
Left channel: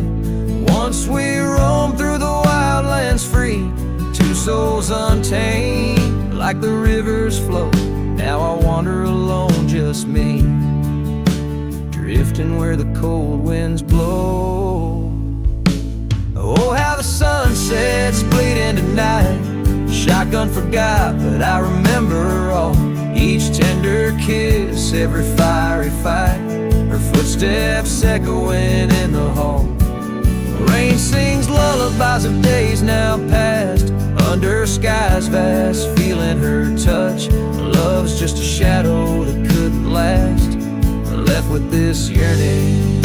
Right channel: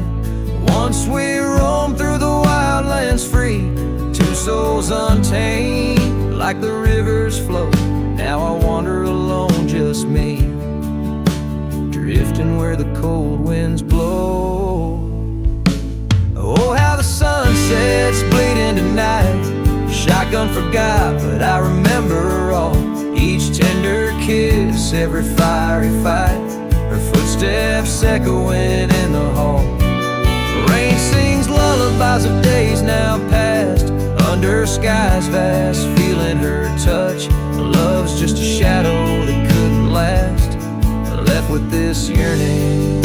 Once we roamed through the wildlands free, two souls untamed like the rivers flow. Now I wander alone, just me, drifting where the cold winds blow. Oh, how the sunsets bleeding tonight. Shotgun forgot, but I remember all. Each tender kiss, every fiery fight, her footsteps echoing in the hall. Rain sings lullabies of days now past, under skies vast, feeling her touch. Love's just a shadow that couldn't last. Left with this yearning,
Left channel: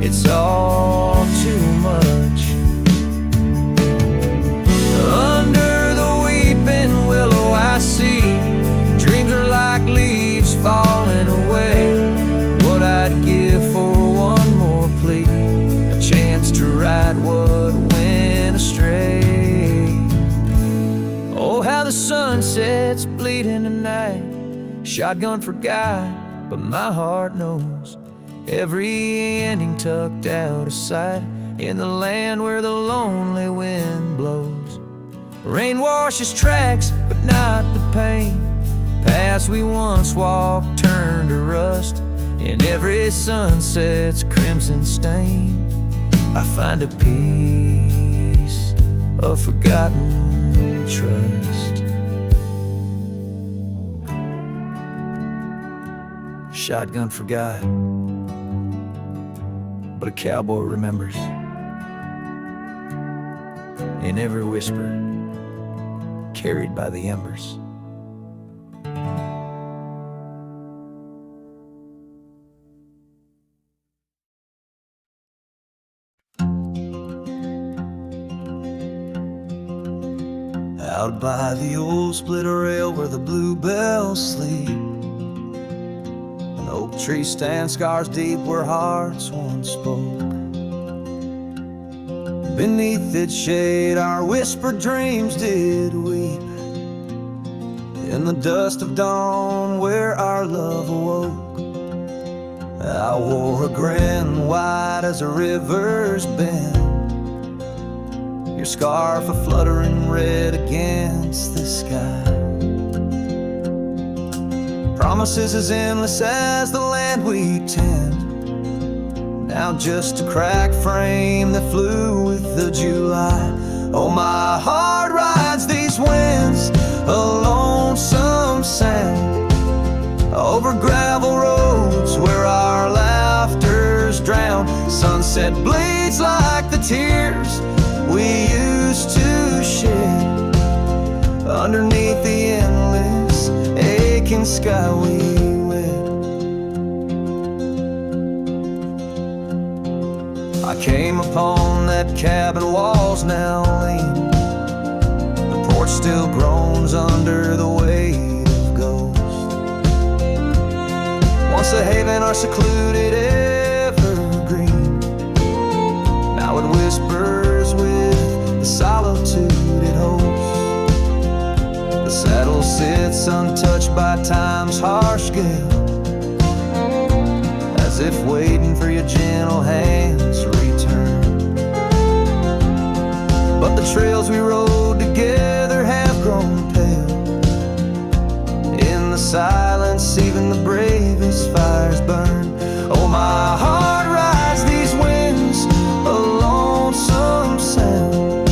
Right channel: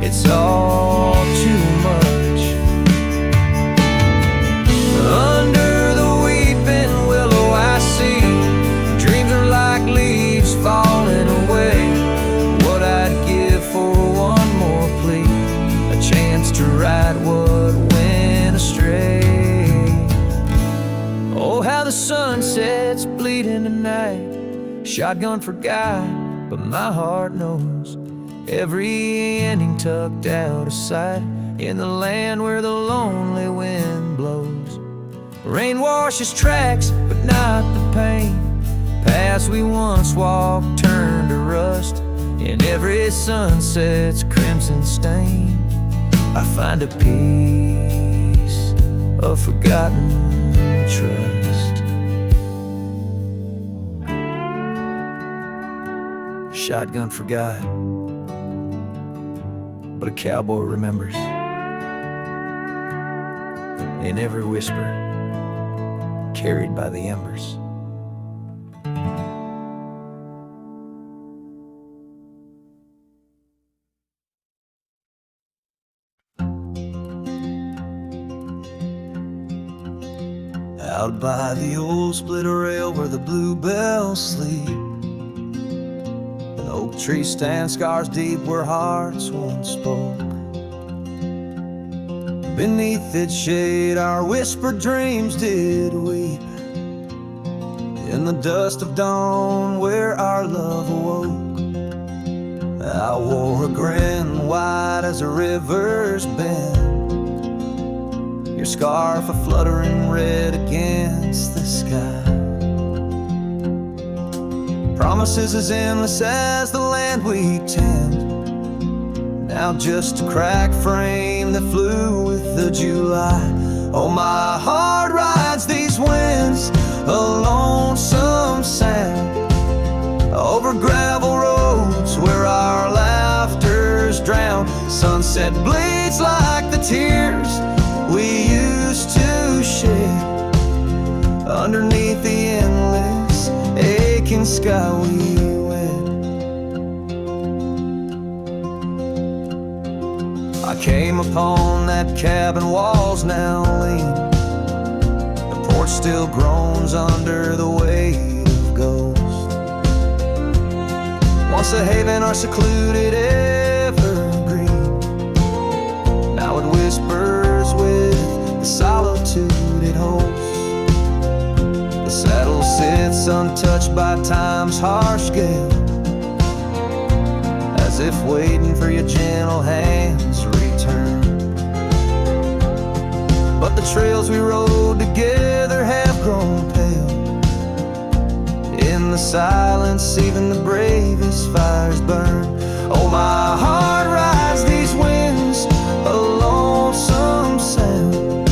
it's all too much. Under the weeping willow I see dreams are like leaves falling away. What I'd give for one more plea, a chance to right what went astray. Oh, how the sunsets bleeding tonight. Shotgun forgot, but my heart knows every ending tucked out of sight, in the land where the lonely wind blows. Rain washes tracks, but not the pain. Paths we once walked turned to rust, in every sunset's crimson stain. I find a peace of forgotten trust. Shotgun forgot, but a cowboy remembers. In every whisper, carried by the embers. Out by the old split rail where the bluebells sleep, an oak tree stands scars deep where hearts once spoke. Beneath its shade our whispered dreams did weep, in the dust of dawn where our love awoke. I wore a grin wide as a river's bend, your scarf a fluttering red against the sky. Promises as endless as the land we tend, now just a cracked frame that flew with the July. Oh, my heart rides these winds, a lonesome sound, over gravel roads where our laughter's drowned. Sunset bleeds like the tears we used to shed, underneath the endless aching sky we wed. I came upon that cabin, walls now lean, the porch still groans under the weight of ghosts. Once a haven, our secluded evergreen, now it whispers with the solitude it holds. The saddle sits untouched by time's harsh gale, as if waiting for your gentle hands to return. But the trails we rode together have grown pale, in the silence even the bravest fires burn. Oh, my heart rides these winds, a lonesome sound,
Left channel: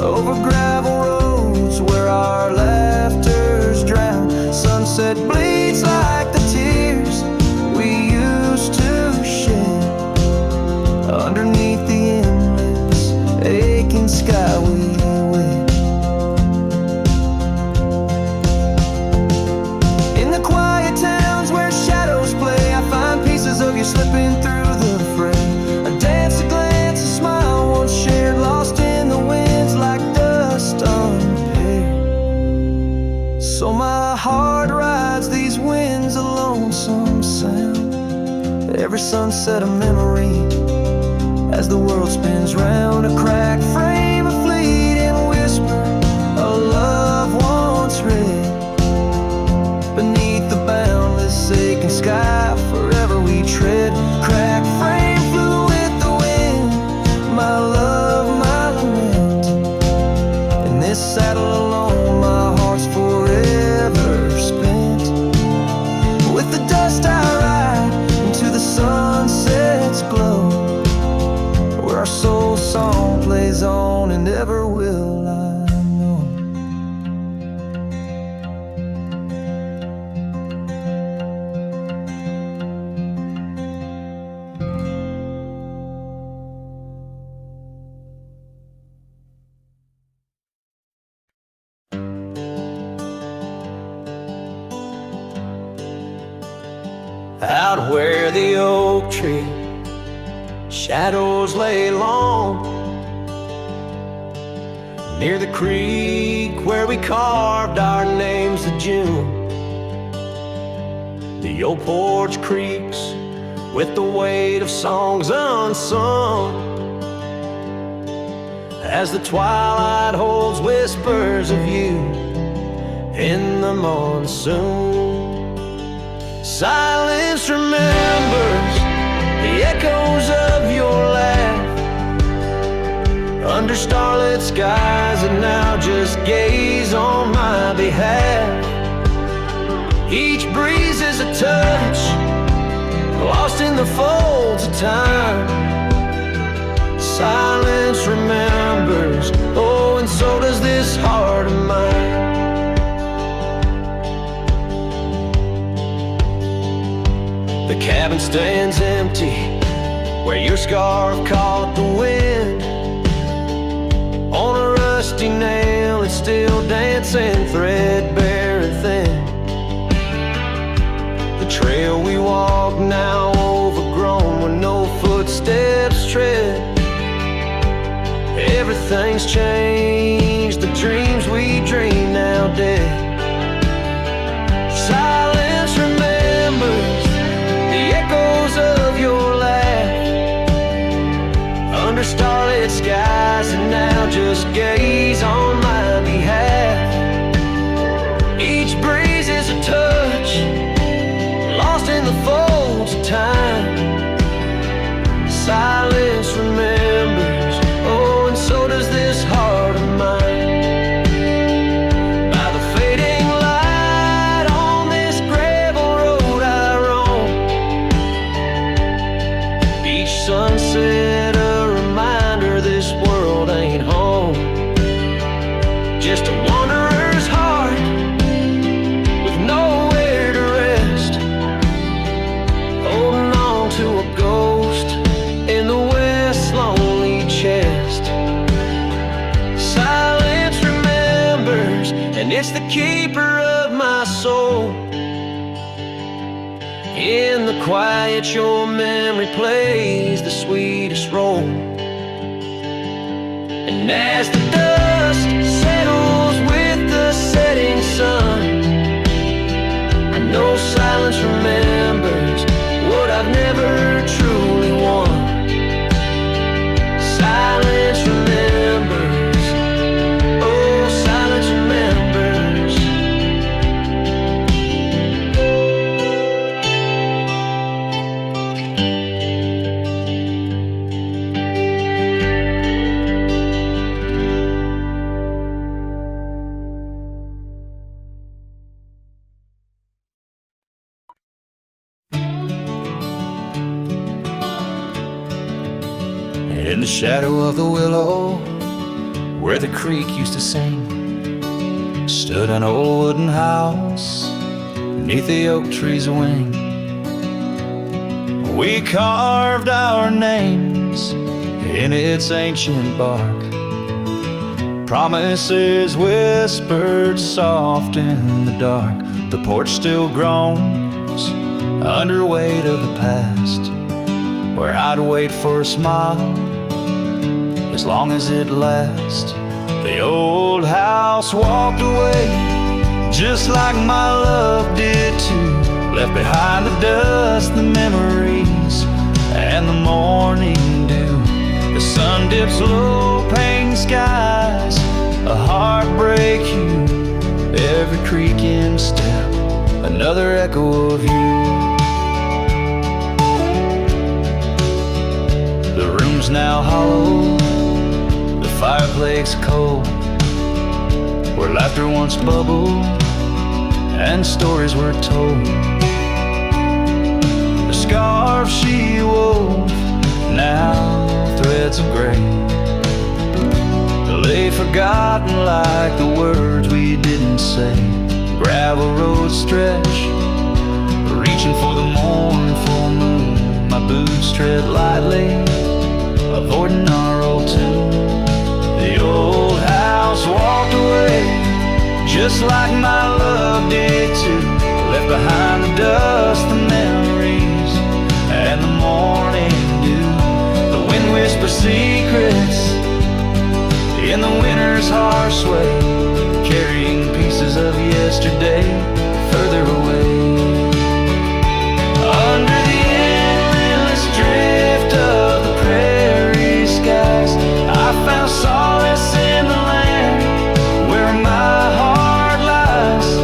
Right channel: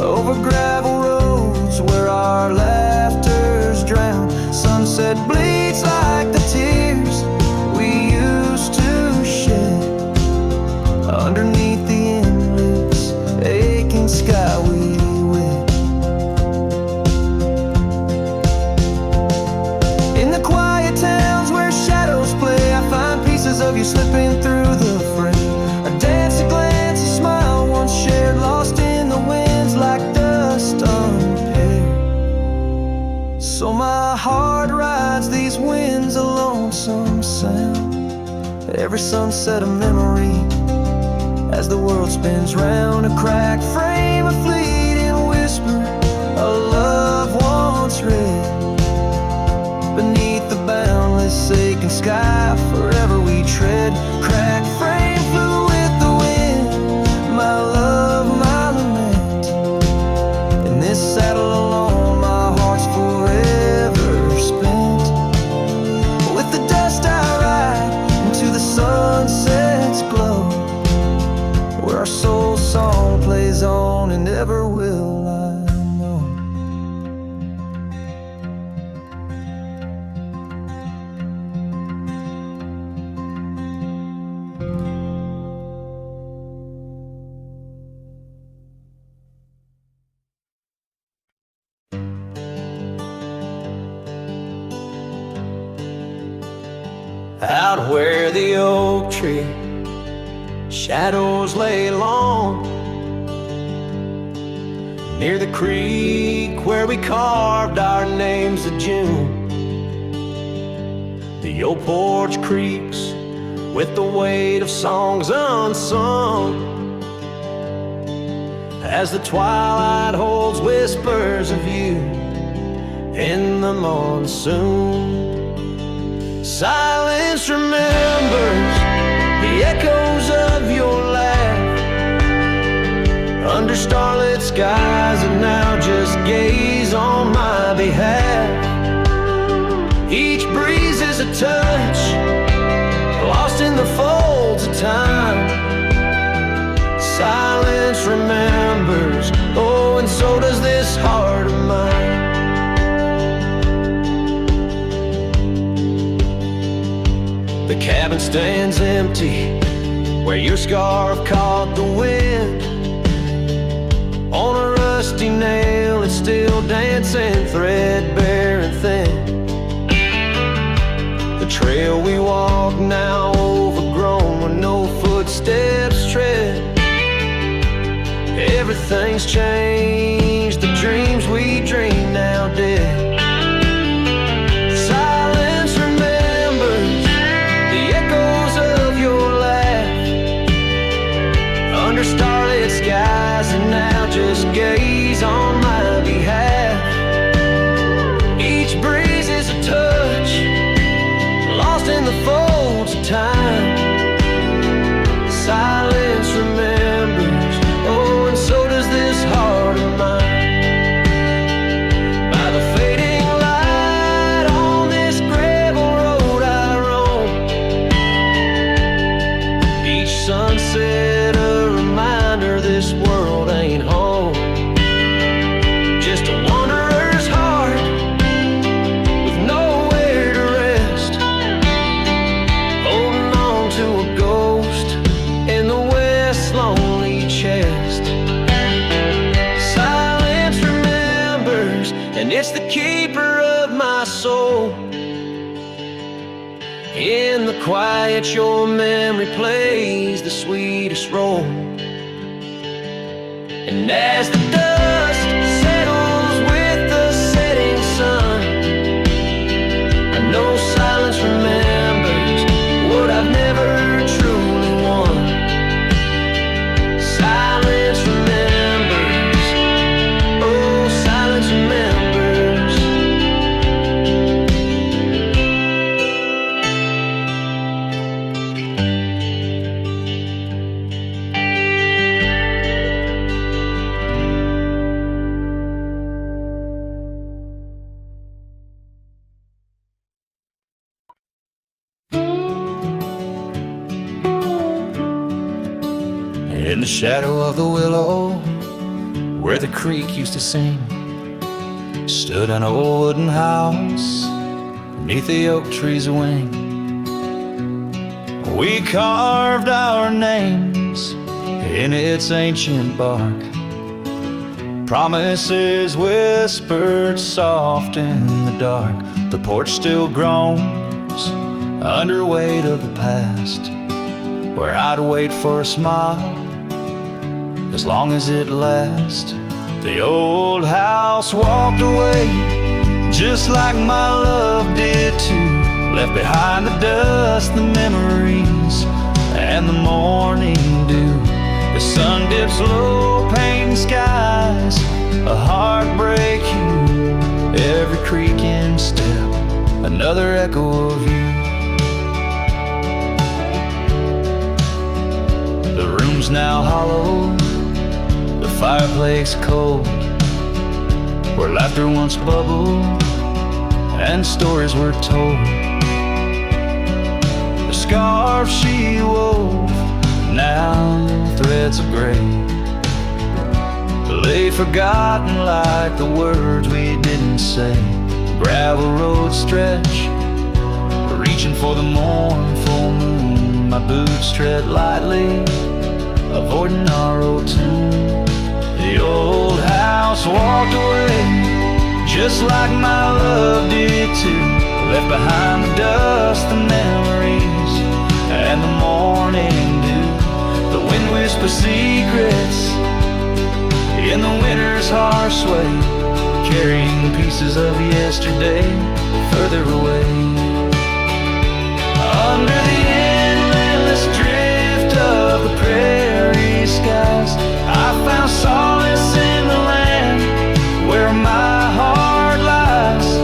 over gravel roads where our laughter's drowned. Sunset bleeds like the tears we used to shed, underneath the endless aching sky we wed. In the quiet towns where shadows play, I find pieces of you slipping through the frame. A dance, a glance, a smile once shared, lost in the winds like dust unpaired. So my heart rides these winds, a lonesome sound, every sunset a memory, as the world spins round. A cracked frame, a fleeting whisper, a love once read, beneath the boundless aching sky forever we tread. Cracked frame flew with the wind, my love, my lament. In this saddle alone, my heart's forever spent. With the dust I ride into the sunset's glow, where our soul song plays on and never will I know. Out where the oak tree shadows lay long, near the creek where we carved our names to June, the old porch creaks with the weight of songs unsung, as the twilight holds whispers of you in the monsoon. Silence remembers the echoes of your laugh, under starlit skies that now just gaze on my behalf. Each breeze is a touch, lost in the folds of time. Silence remembers, oh, and so does this heart of mine. The cabin stands empty where your scarf caught the wind. On a rusty nail it's still dancing, threadbare and thin. The trail we walk now overgrown where no footsteps tread. Everything's changed, the dreams we dream now dead. Silence remembers the echoes of your laugh, under starlit skies, and now just gaze on my behalf. Each breeze is a touch, lost in the folds of time. Silence remembers, oh, and so does this heart of mine. By the fading light on this gravel road I roam, each sunset a reminder this world ain't home. Just a wanderer's heart with nowhere to rest, holding on to a ghost in the west's lonely chest. Silence remembers, and it's the keeper of my soul. In the quiet your memory plays the sweetest role. And as the dust settles with the setting sun, I know silence remembers what I've never truly won. Silence remembers, oh, silence remembers. In the shadow of the willow, where the creek used to sing, stood an old wooden house beneath the oak tree's wing. We carved our names in its ancient bark, promises whispered soft in the dark. The porch still groans under weight of the past, where I'd wait for a smile as long as it lasts. The old house walked away just like my love did too. Left behind the dust, the memories, and the morning dew. The sun dips low, painting skies, a heartbreak hue. Every creaking step, another echo of you. The room's now hollow, the fireplace cold, where laughter once bubbled and stories were told. The scarf she wove, now threads of gray, lay forgotten like the words we didn't say. Gravel roads stretch, reaching for the mournful moon. My boots tread lightly, avoiding our old tune. The old house walked away just like my love did too. Left behind the dust, the memories, and the morning dew. The wind whispers secrets in the winter's harsh sway, carrying pieces of yesterday further away. Under the endless drift of the prairie skies, I found solace in the land where my heart lies.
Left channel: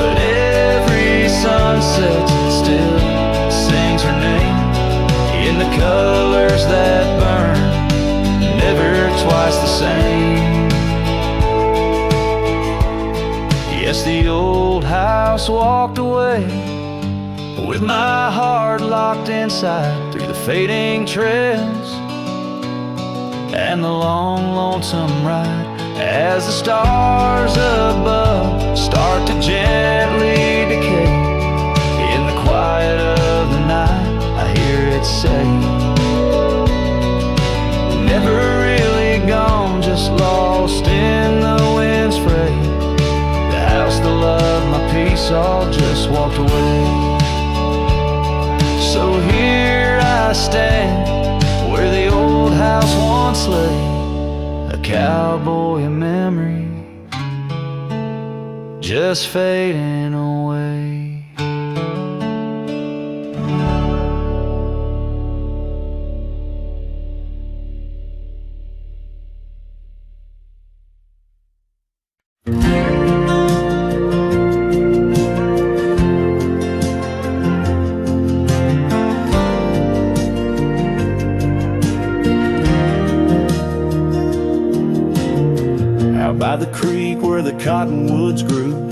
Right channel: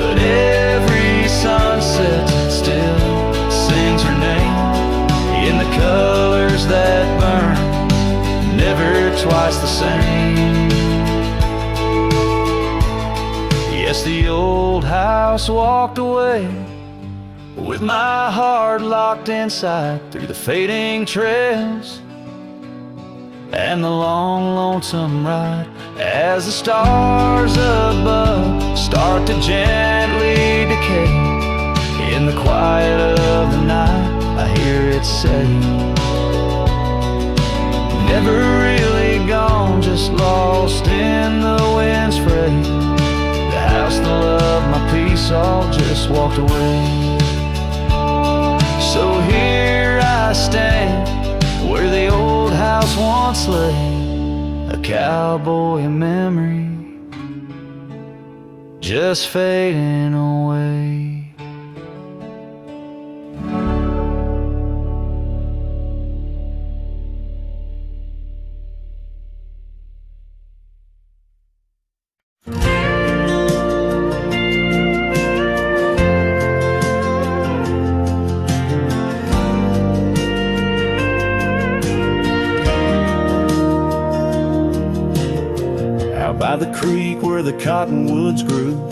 But every sunset still sings her name in the colors that burn, never twice the same. Yes, the old house walked away with my heart locked inside, through the fading trails and the long, lonesome ride. As the stars above start to gently decay, in the quiet of the night I hear it say, never really gone, just lost in the wind's fray. The house, the love, my peace all just walked away. So here I stand where the old house once lay, a cowboy in memory, just fading away. Out by the creek where the cottonwoods grew,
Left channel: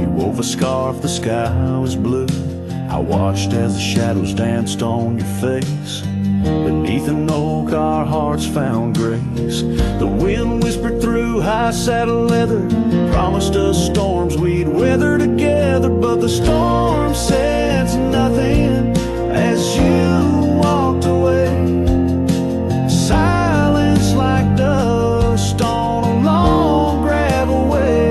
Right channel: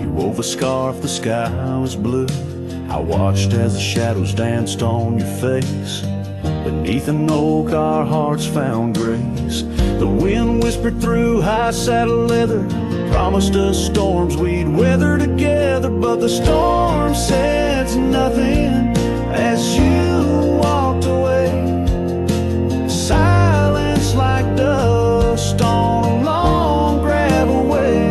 you wove a scarf, the sky was blue. I watched as the shadows danced on your face. Beneath an oak our hearts found grace. The wind whispered through high saddle leather, promised us storms we'd weather together. But the storm said nothing as you walked away. Silence like dust on a long gravel way.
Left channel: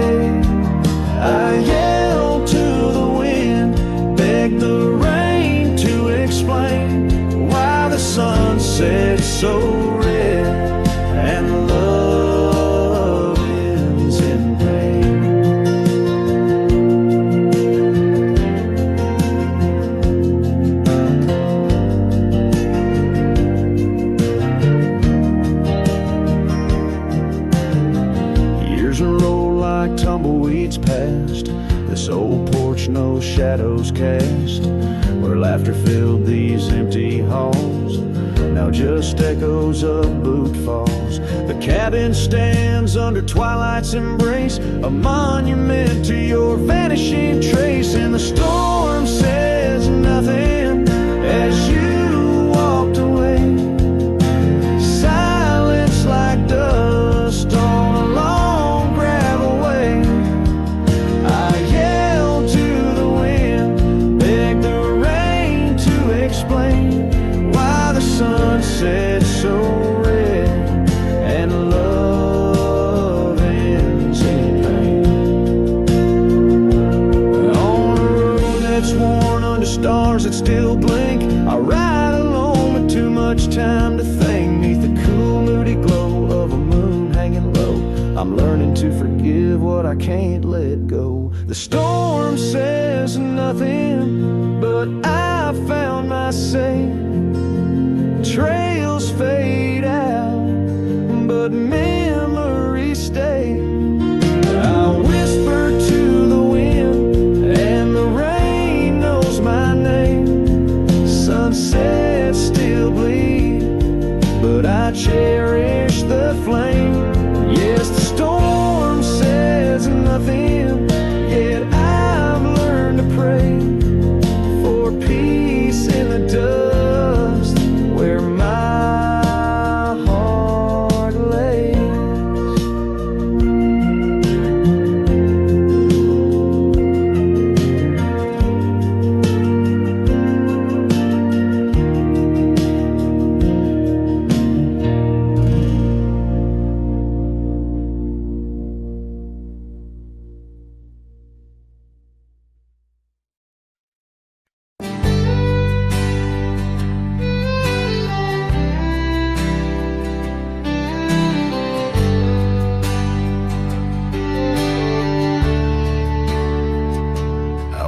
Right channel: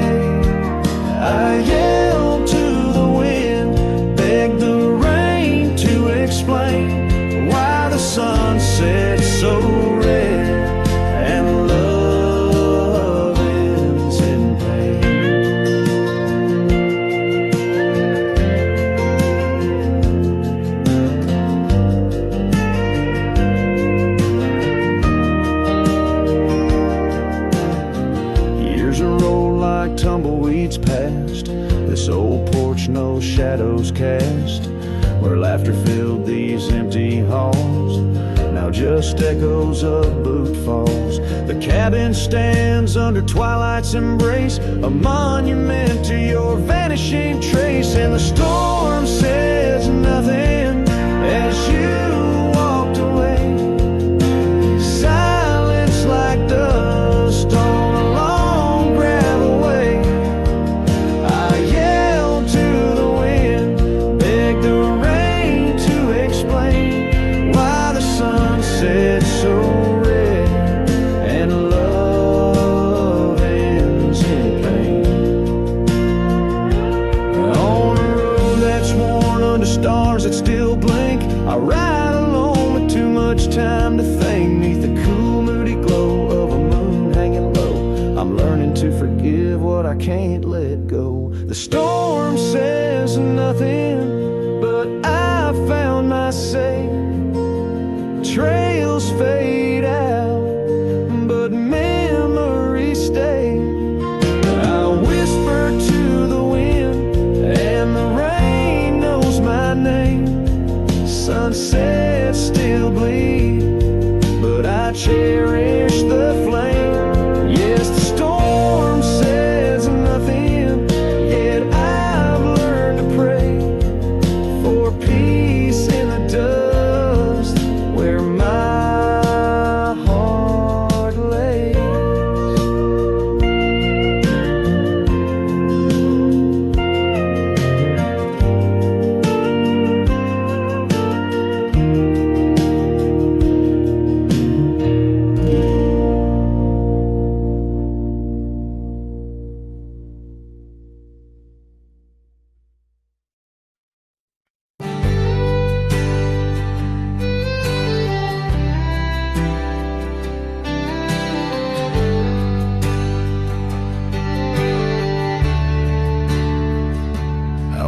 I yelled to the wind, begged the rain to explain why the sun set so red and love ends in pain. Years roll like tumbleweeds past this old porch, no shadows cast, where laughter filled these empty halls, now just echoes of boot falls. The cabin stands under twilight's embrace, a monument to your vanishing trace. And the storm says nothing as you walked away. Silence like dust on a long gravel way. I yelled to the wind, begged the rain to explain why the sun set so red and love ends in pain. On a road that's worn under stars that still blink, I ride alone with too much time to think. Neath the cool moody glow of a moon hanging low, I'm learning to forgive what I can't let go. The storm says nothing, but I found my say. Trails fade out, but memories stay. I whisper to the wind, and the rain knows my name. Sunsets still bleed, but I cherish the flame. Yes, the storm says nothing, yet I've learned to pray for peace in the dust where my heart lays.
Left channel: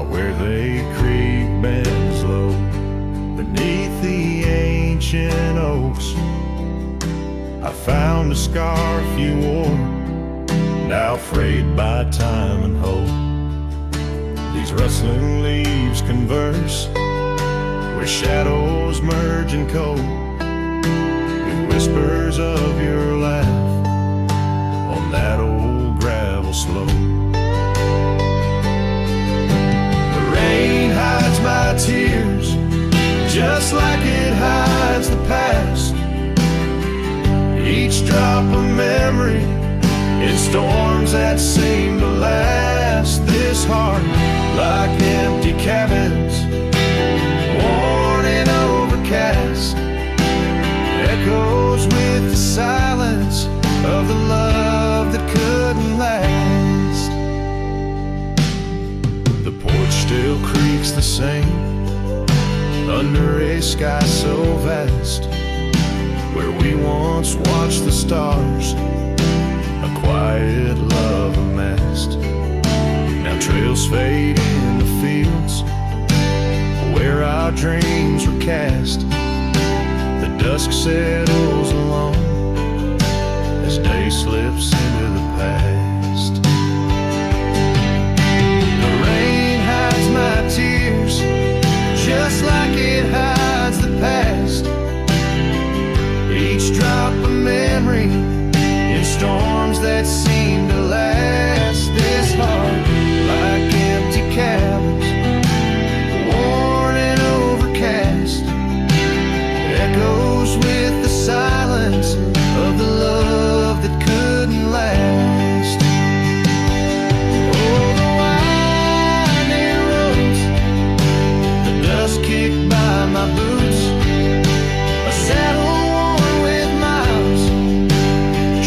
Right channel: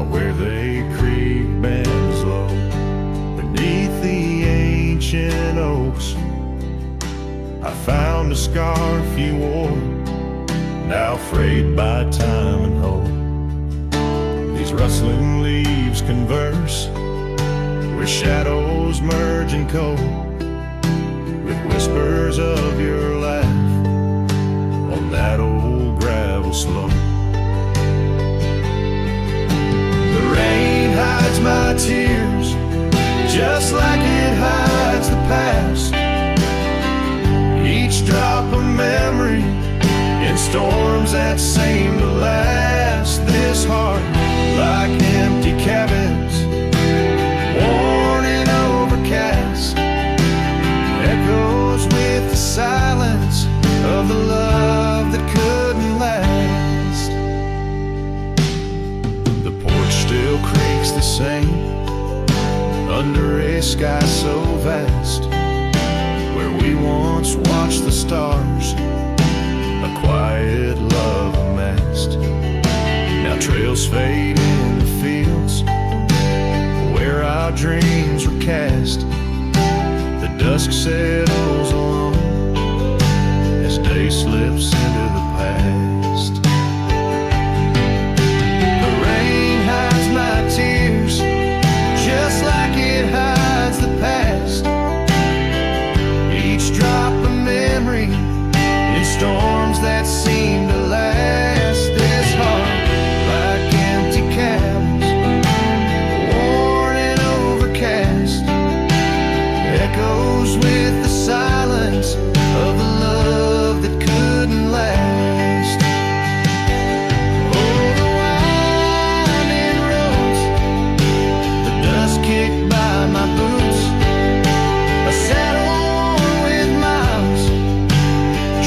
Where the creek bends low beneath the ancient oaks, I found a scarf you wore, now frayed by time and hope. These rustling leaves converse where shadows merge and cope, with whispers of your laugh on that old gravel slope. The rain hides my tears just like it hides the past. Each drop a memory in storms that seem to last. This heart, like empty cabins, worn and overcast, echoes with the silence of the love that couldn't last. The porch still creaks the same under a sky so vast, where we once watched the stars, a quiet love amassed. Now trails fade in the fields where our dreams were cast. The dusk settles alone as day slips into the past. The rain hides my tears just like it hides the past. Each drop a memory in in storms that seem to last. This heart, like empty cabins, worn and overcast, echoes with the silence of the love that couldn't last. Oh, the winding roads, the dust kicked by my boots, a saddle worn with miles,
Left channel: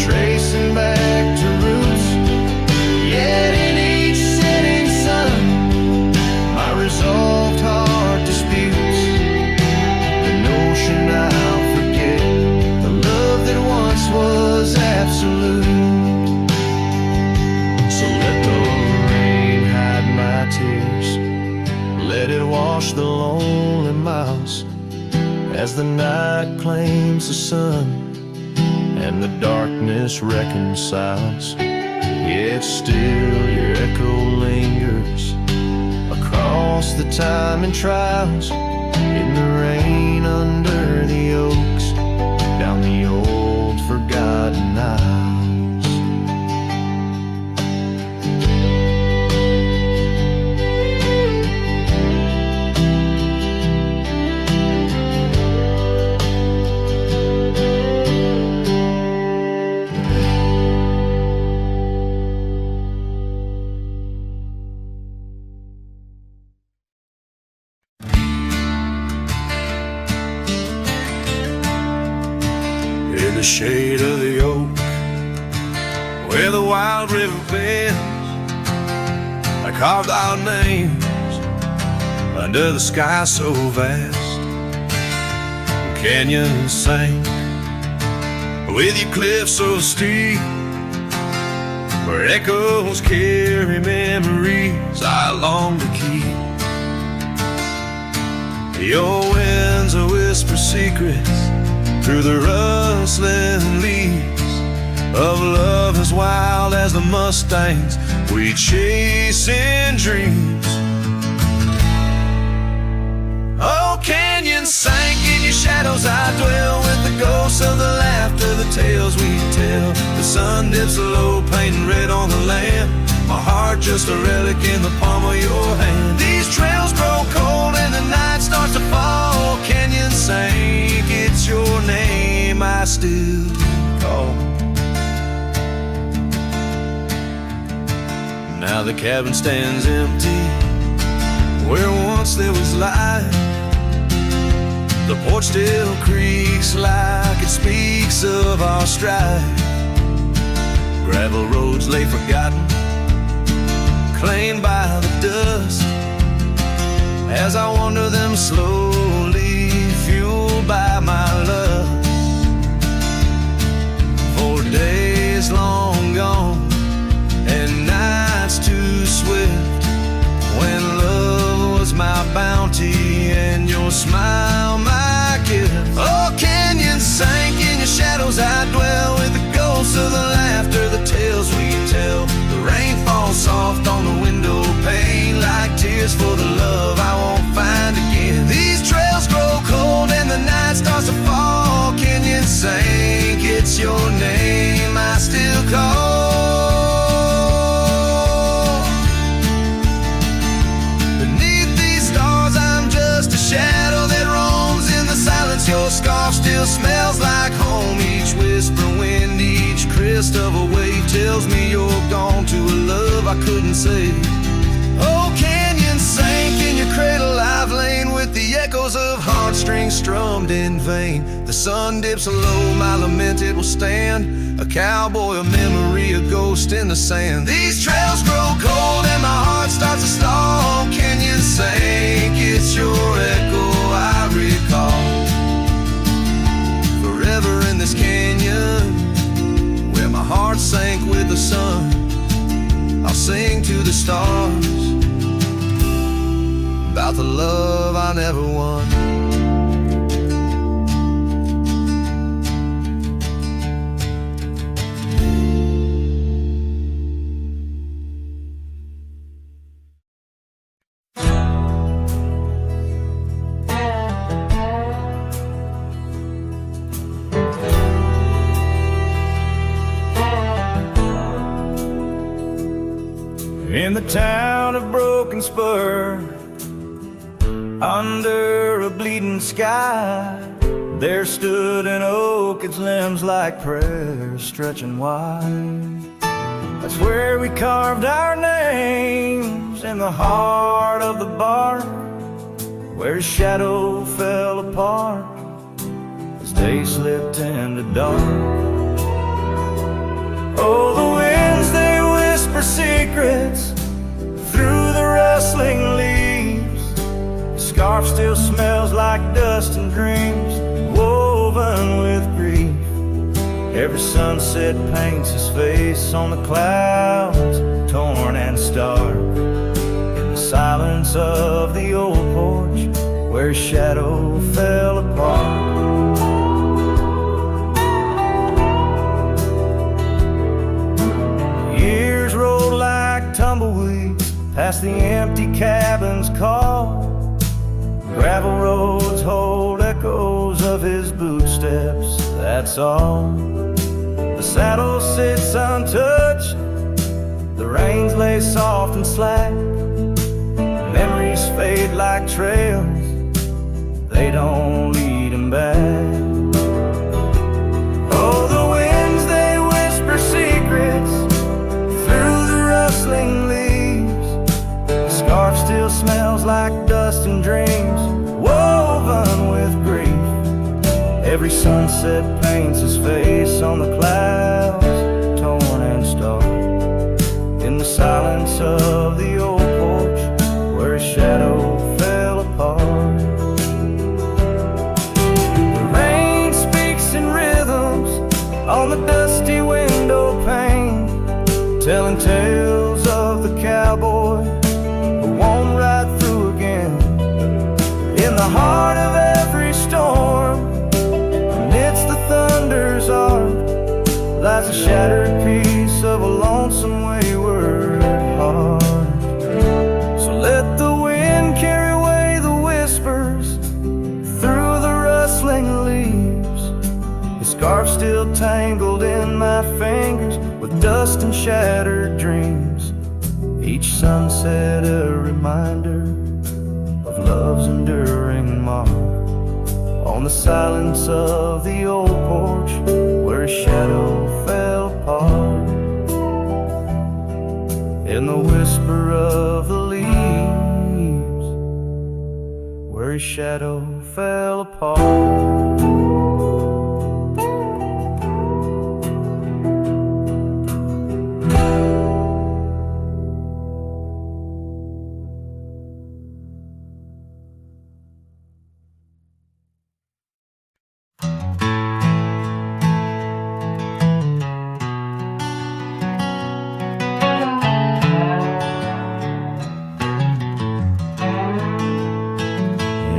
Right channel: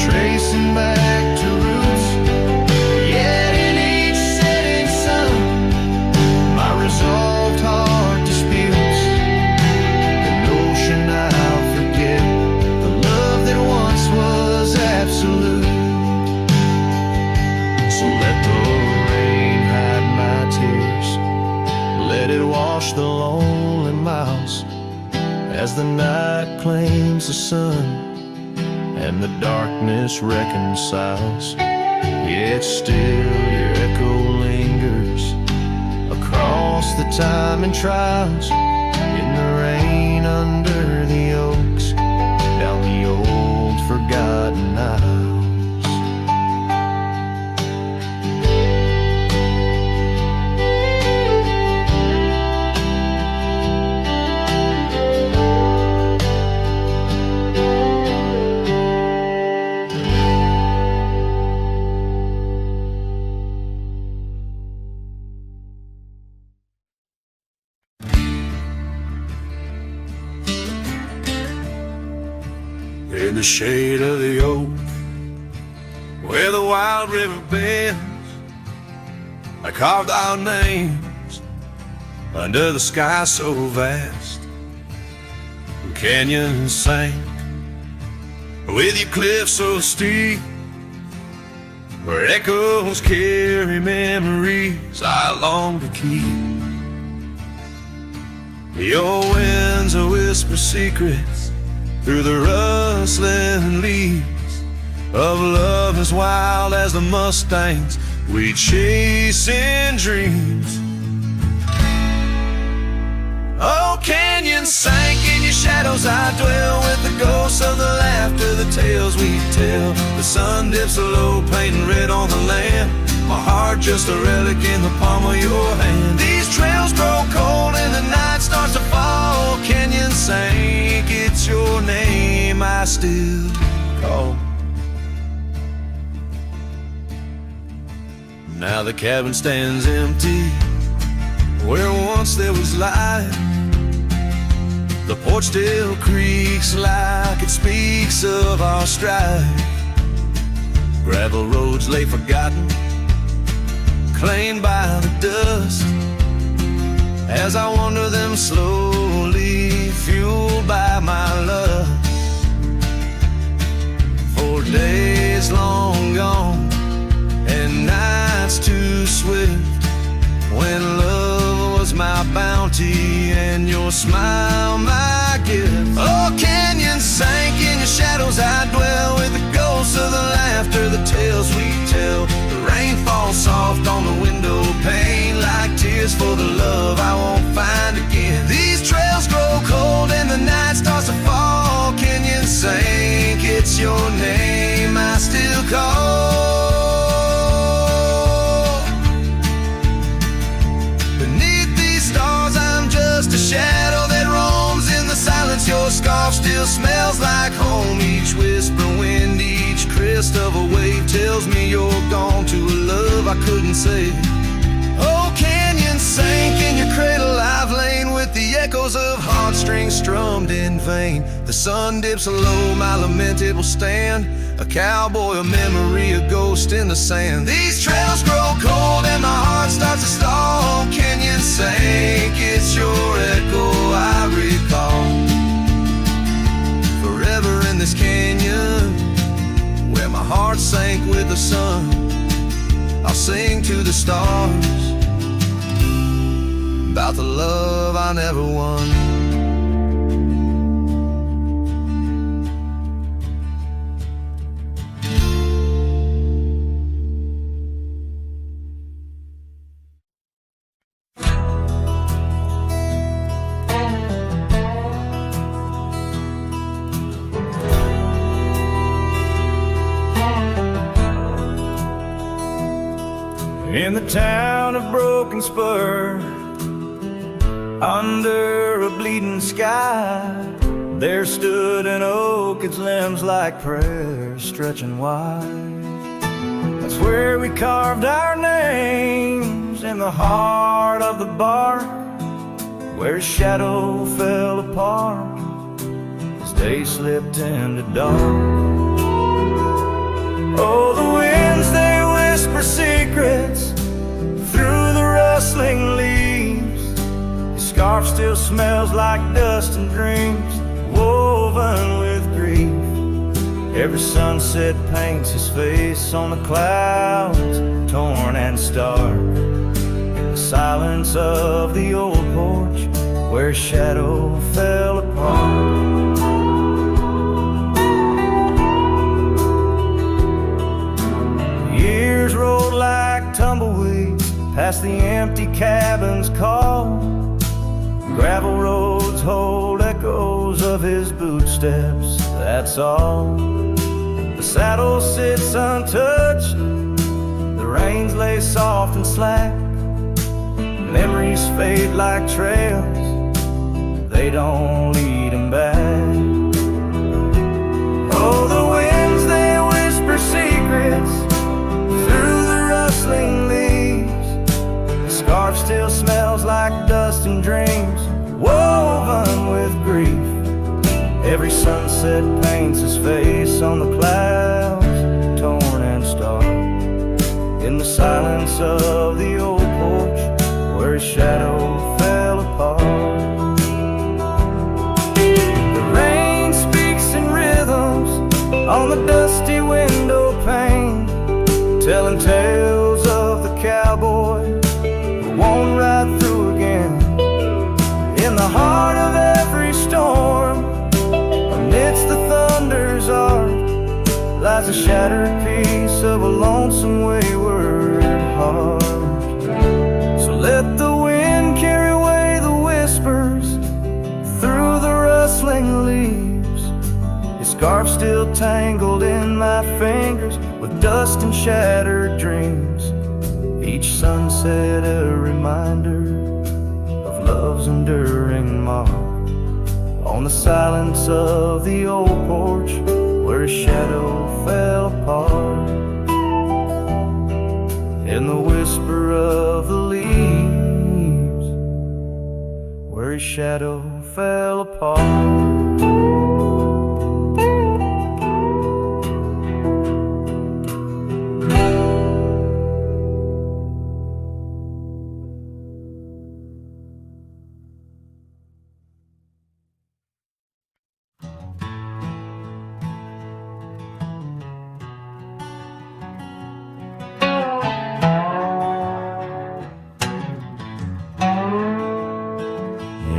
tracing back to roots. Yet in each setting sun, my resolved heart disputes the notion I'll forget the love that once was absolute. So let the rain hide my tears, let it wash the lonely miles, as the night claims the sun and the darkness reconciles. Yet still your echo lingers across the time and trials, in the rain under the oaks, down the old forgotten aisles. In the shade of the oak, where the wild river bends, I carved our names under the sky so vast. Canyons sank with your cliffs so steep, where echoes carry memories I long to keep. Your winds will whisper secrets through the rustling leaves of love as wild as the mustangs we chase in dreams. Oh, canyons sank in your shadows, I dwell with the ghosts of the laughter, the tales we tell. The sun dips low, painting red on the land, my heart just a relic in the palm of your hand. These trails grow cold and the night starts to fall. Canyon sank, it's your name I still call. Now the cabin stands empty where once there was light. The porch still creaks like it speaks of our strife. Gravel roads lay forgotten, claimed by the dust, as I wander them slowly, fueled by my lust. For days long gone and nights too swift, when love was my bounty and your smile my gift. Oh, canyons sank in your shadows, I dwell with the ghosts of the laughter, the tales we tell. The rain falls soft on the window pane like tears for the love I won't find again. These trails grow cold and the night starts to fall. Canyons sank, it's your name I still call. Beneath these stars I'm just a shadow that roams in the silence. Your scarf still smells like home. Each whisper wind, each crest of a wave tells me you're gone to a love I couldn't save. Oh, canyon sank in your cradle, I've lain with the echoes of heartstrings strummed in vain. The sun dips low, my lament it will stand, a cowboy, a memory, a ghost in the sand. These trails grow cold and my heart starts to stall. Canyon sank, it's your echo I recall. Forever in this canyon, where my heart sank with the sun, I'll sing to the stars about the love I never won. In the town of Broken Spur, under a bleeding sky, there stood an oak, its limbs like prayers stretching wide. That's where we carved our names, in the heart of the bark, where shadow fell apart as day slipped into dark. Oh, the winds, they whisper secrets through the rustling leaves. His scarf still smells like dust and dreams woven with grief. Every sunset paints his face on the clouds, torn and stark. In the silence of the old porch, where shadow fell apart. Years rolled like tumbleweeds past the empty cabin's call. Gravel roads hold echoes of his footsteps, that's all. The saddle sits untouched, the reins lay soft and slack. Memories fade like trails, they don't lead him back. Oh, the winds, they whisper secrets through the rustling leaves. The scarf still smells like dust and dreams woven with grief. Every sunset paints his face on the clouds, torn and stark. In the silence of the old porch, where his shadow fell apart. The rain speaks in rhythms on the dusty window pane, telling tales of the cowboy who won't ride through again. In the heart of every storm, amidst the thunder's arc, lies a shattered piece of a lonesome wayward heart. So let the wind carry away the whispers through the rustling leaves. His scarf still tangled in my fingers with dust and shattered dreams. Each sunset a reminder of love's enduring mark. On the silence of the old porch, where his shadow fell apart. In the whisper of the leaves, where his shadow fell apart.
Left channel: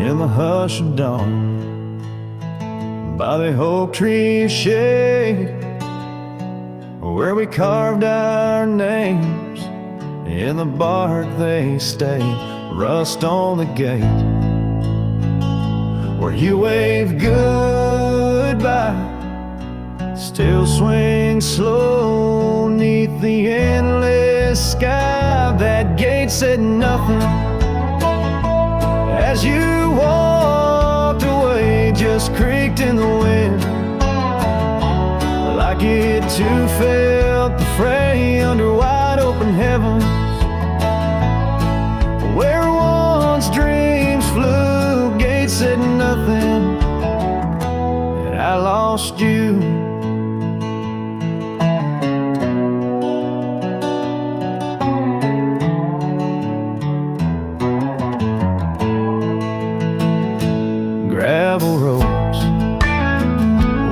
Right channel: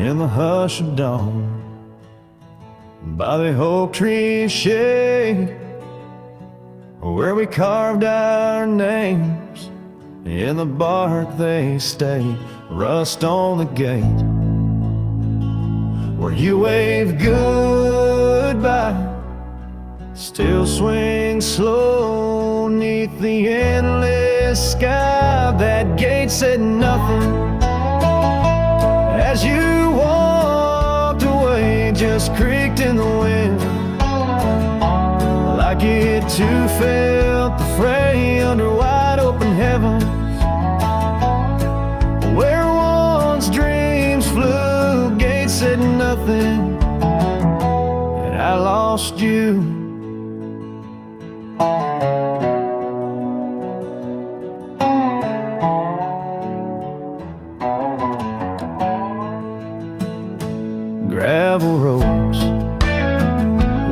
In the hush of dawn, by the oak tree shade, where we carved our names, in the bark they stay, rust on the gate, where you wave goodbye, still swing slow neath the endless sky. That gate said nothing as you walked away, just creaked in the wind, like it too felt the fray under wide open heavens, where once dreams flew. Gate said nothing, and I lost you. Gravel roads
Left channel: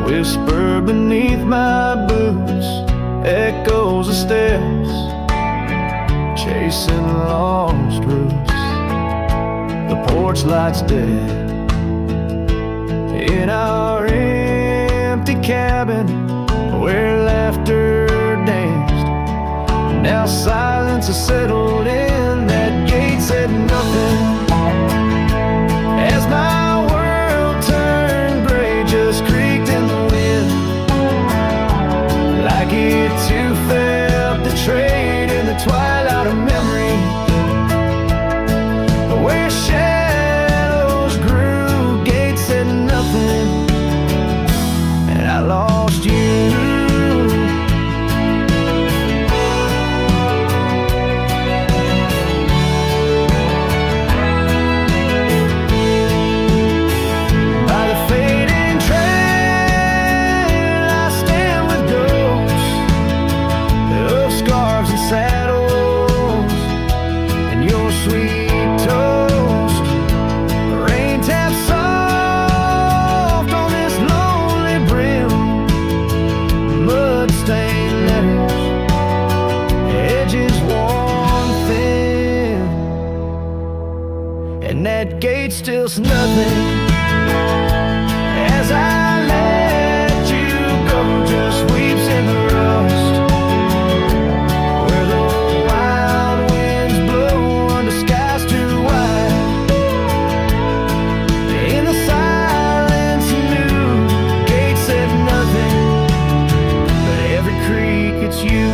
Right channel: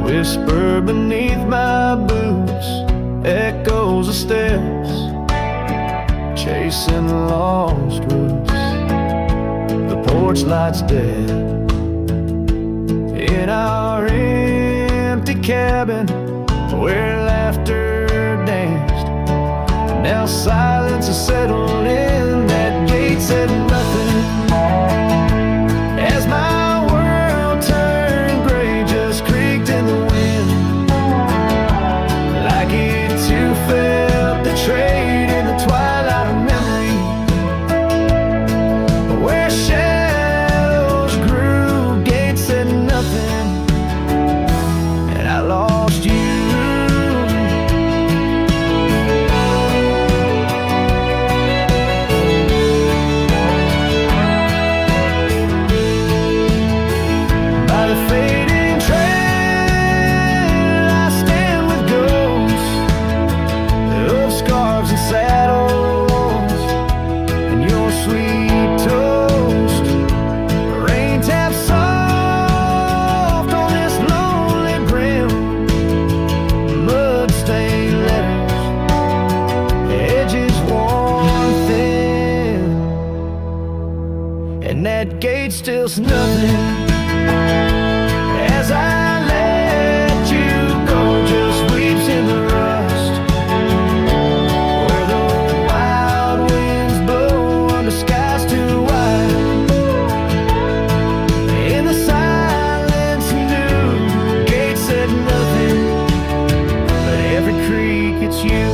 whisper beneath my boots, echoes of steps chasing lost roots. The porch light's dead in our empty cabin, where laughter danced. Now silence has settled in. That gate said nothing as my turned gray, just creaked in the wind, like it too felt the trade in the twilight of memory, where shadows grew, gates said nothing, and I lost you. By the fading trail I stand with ghosts of scarves and saddles, and your sweet toast. The rain taps soft on this lonely brim, mud-stained letters, edges worn thin, and that gate still's nothing. As I let you go, just weeps in the rust, where the wild winds blow under skies too wide. In the silence, new gate said nothing, but every creak it's you.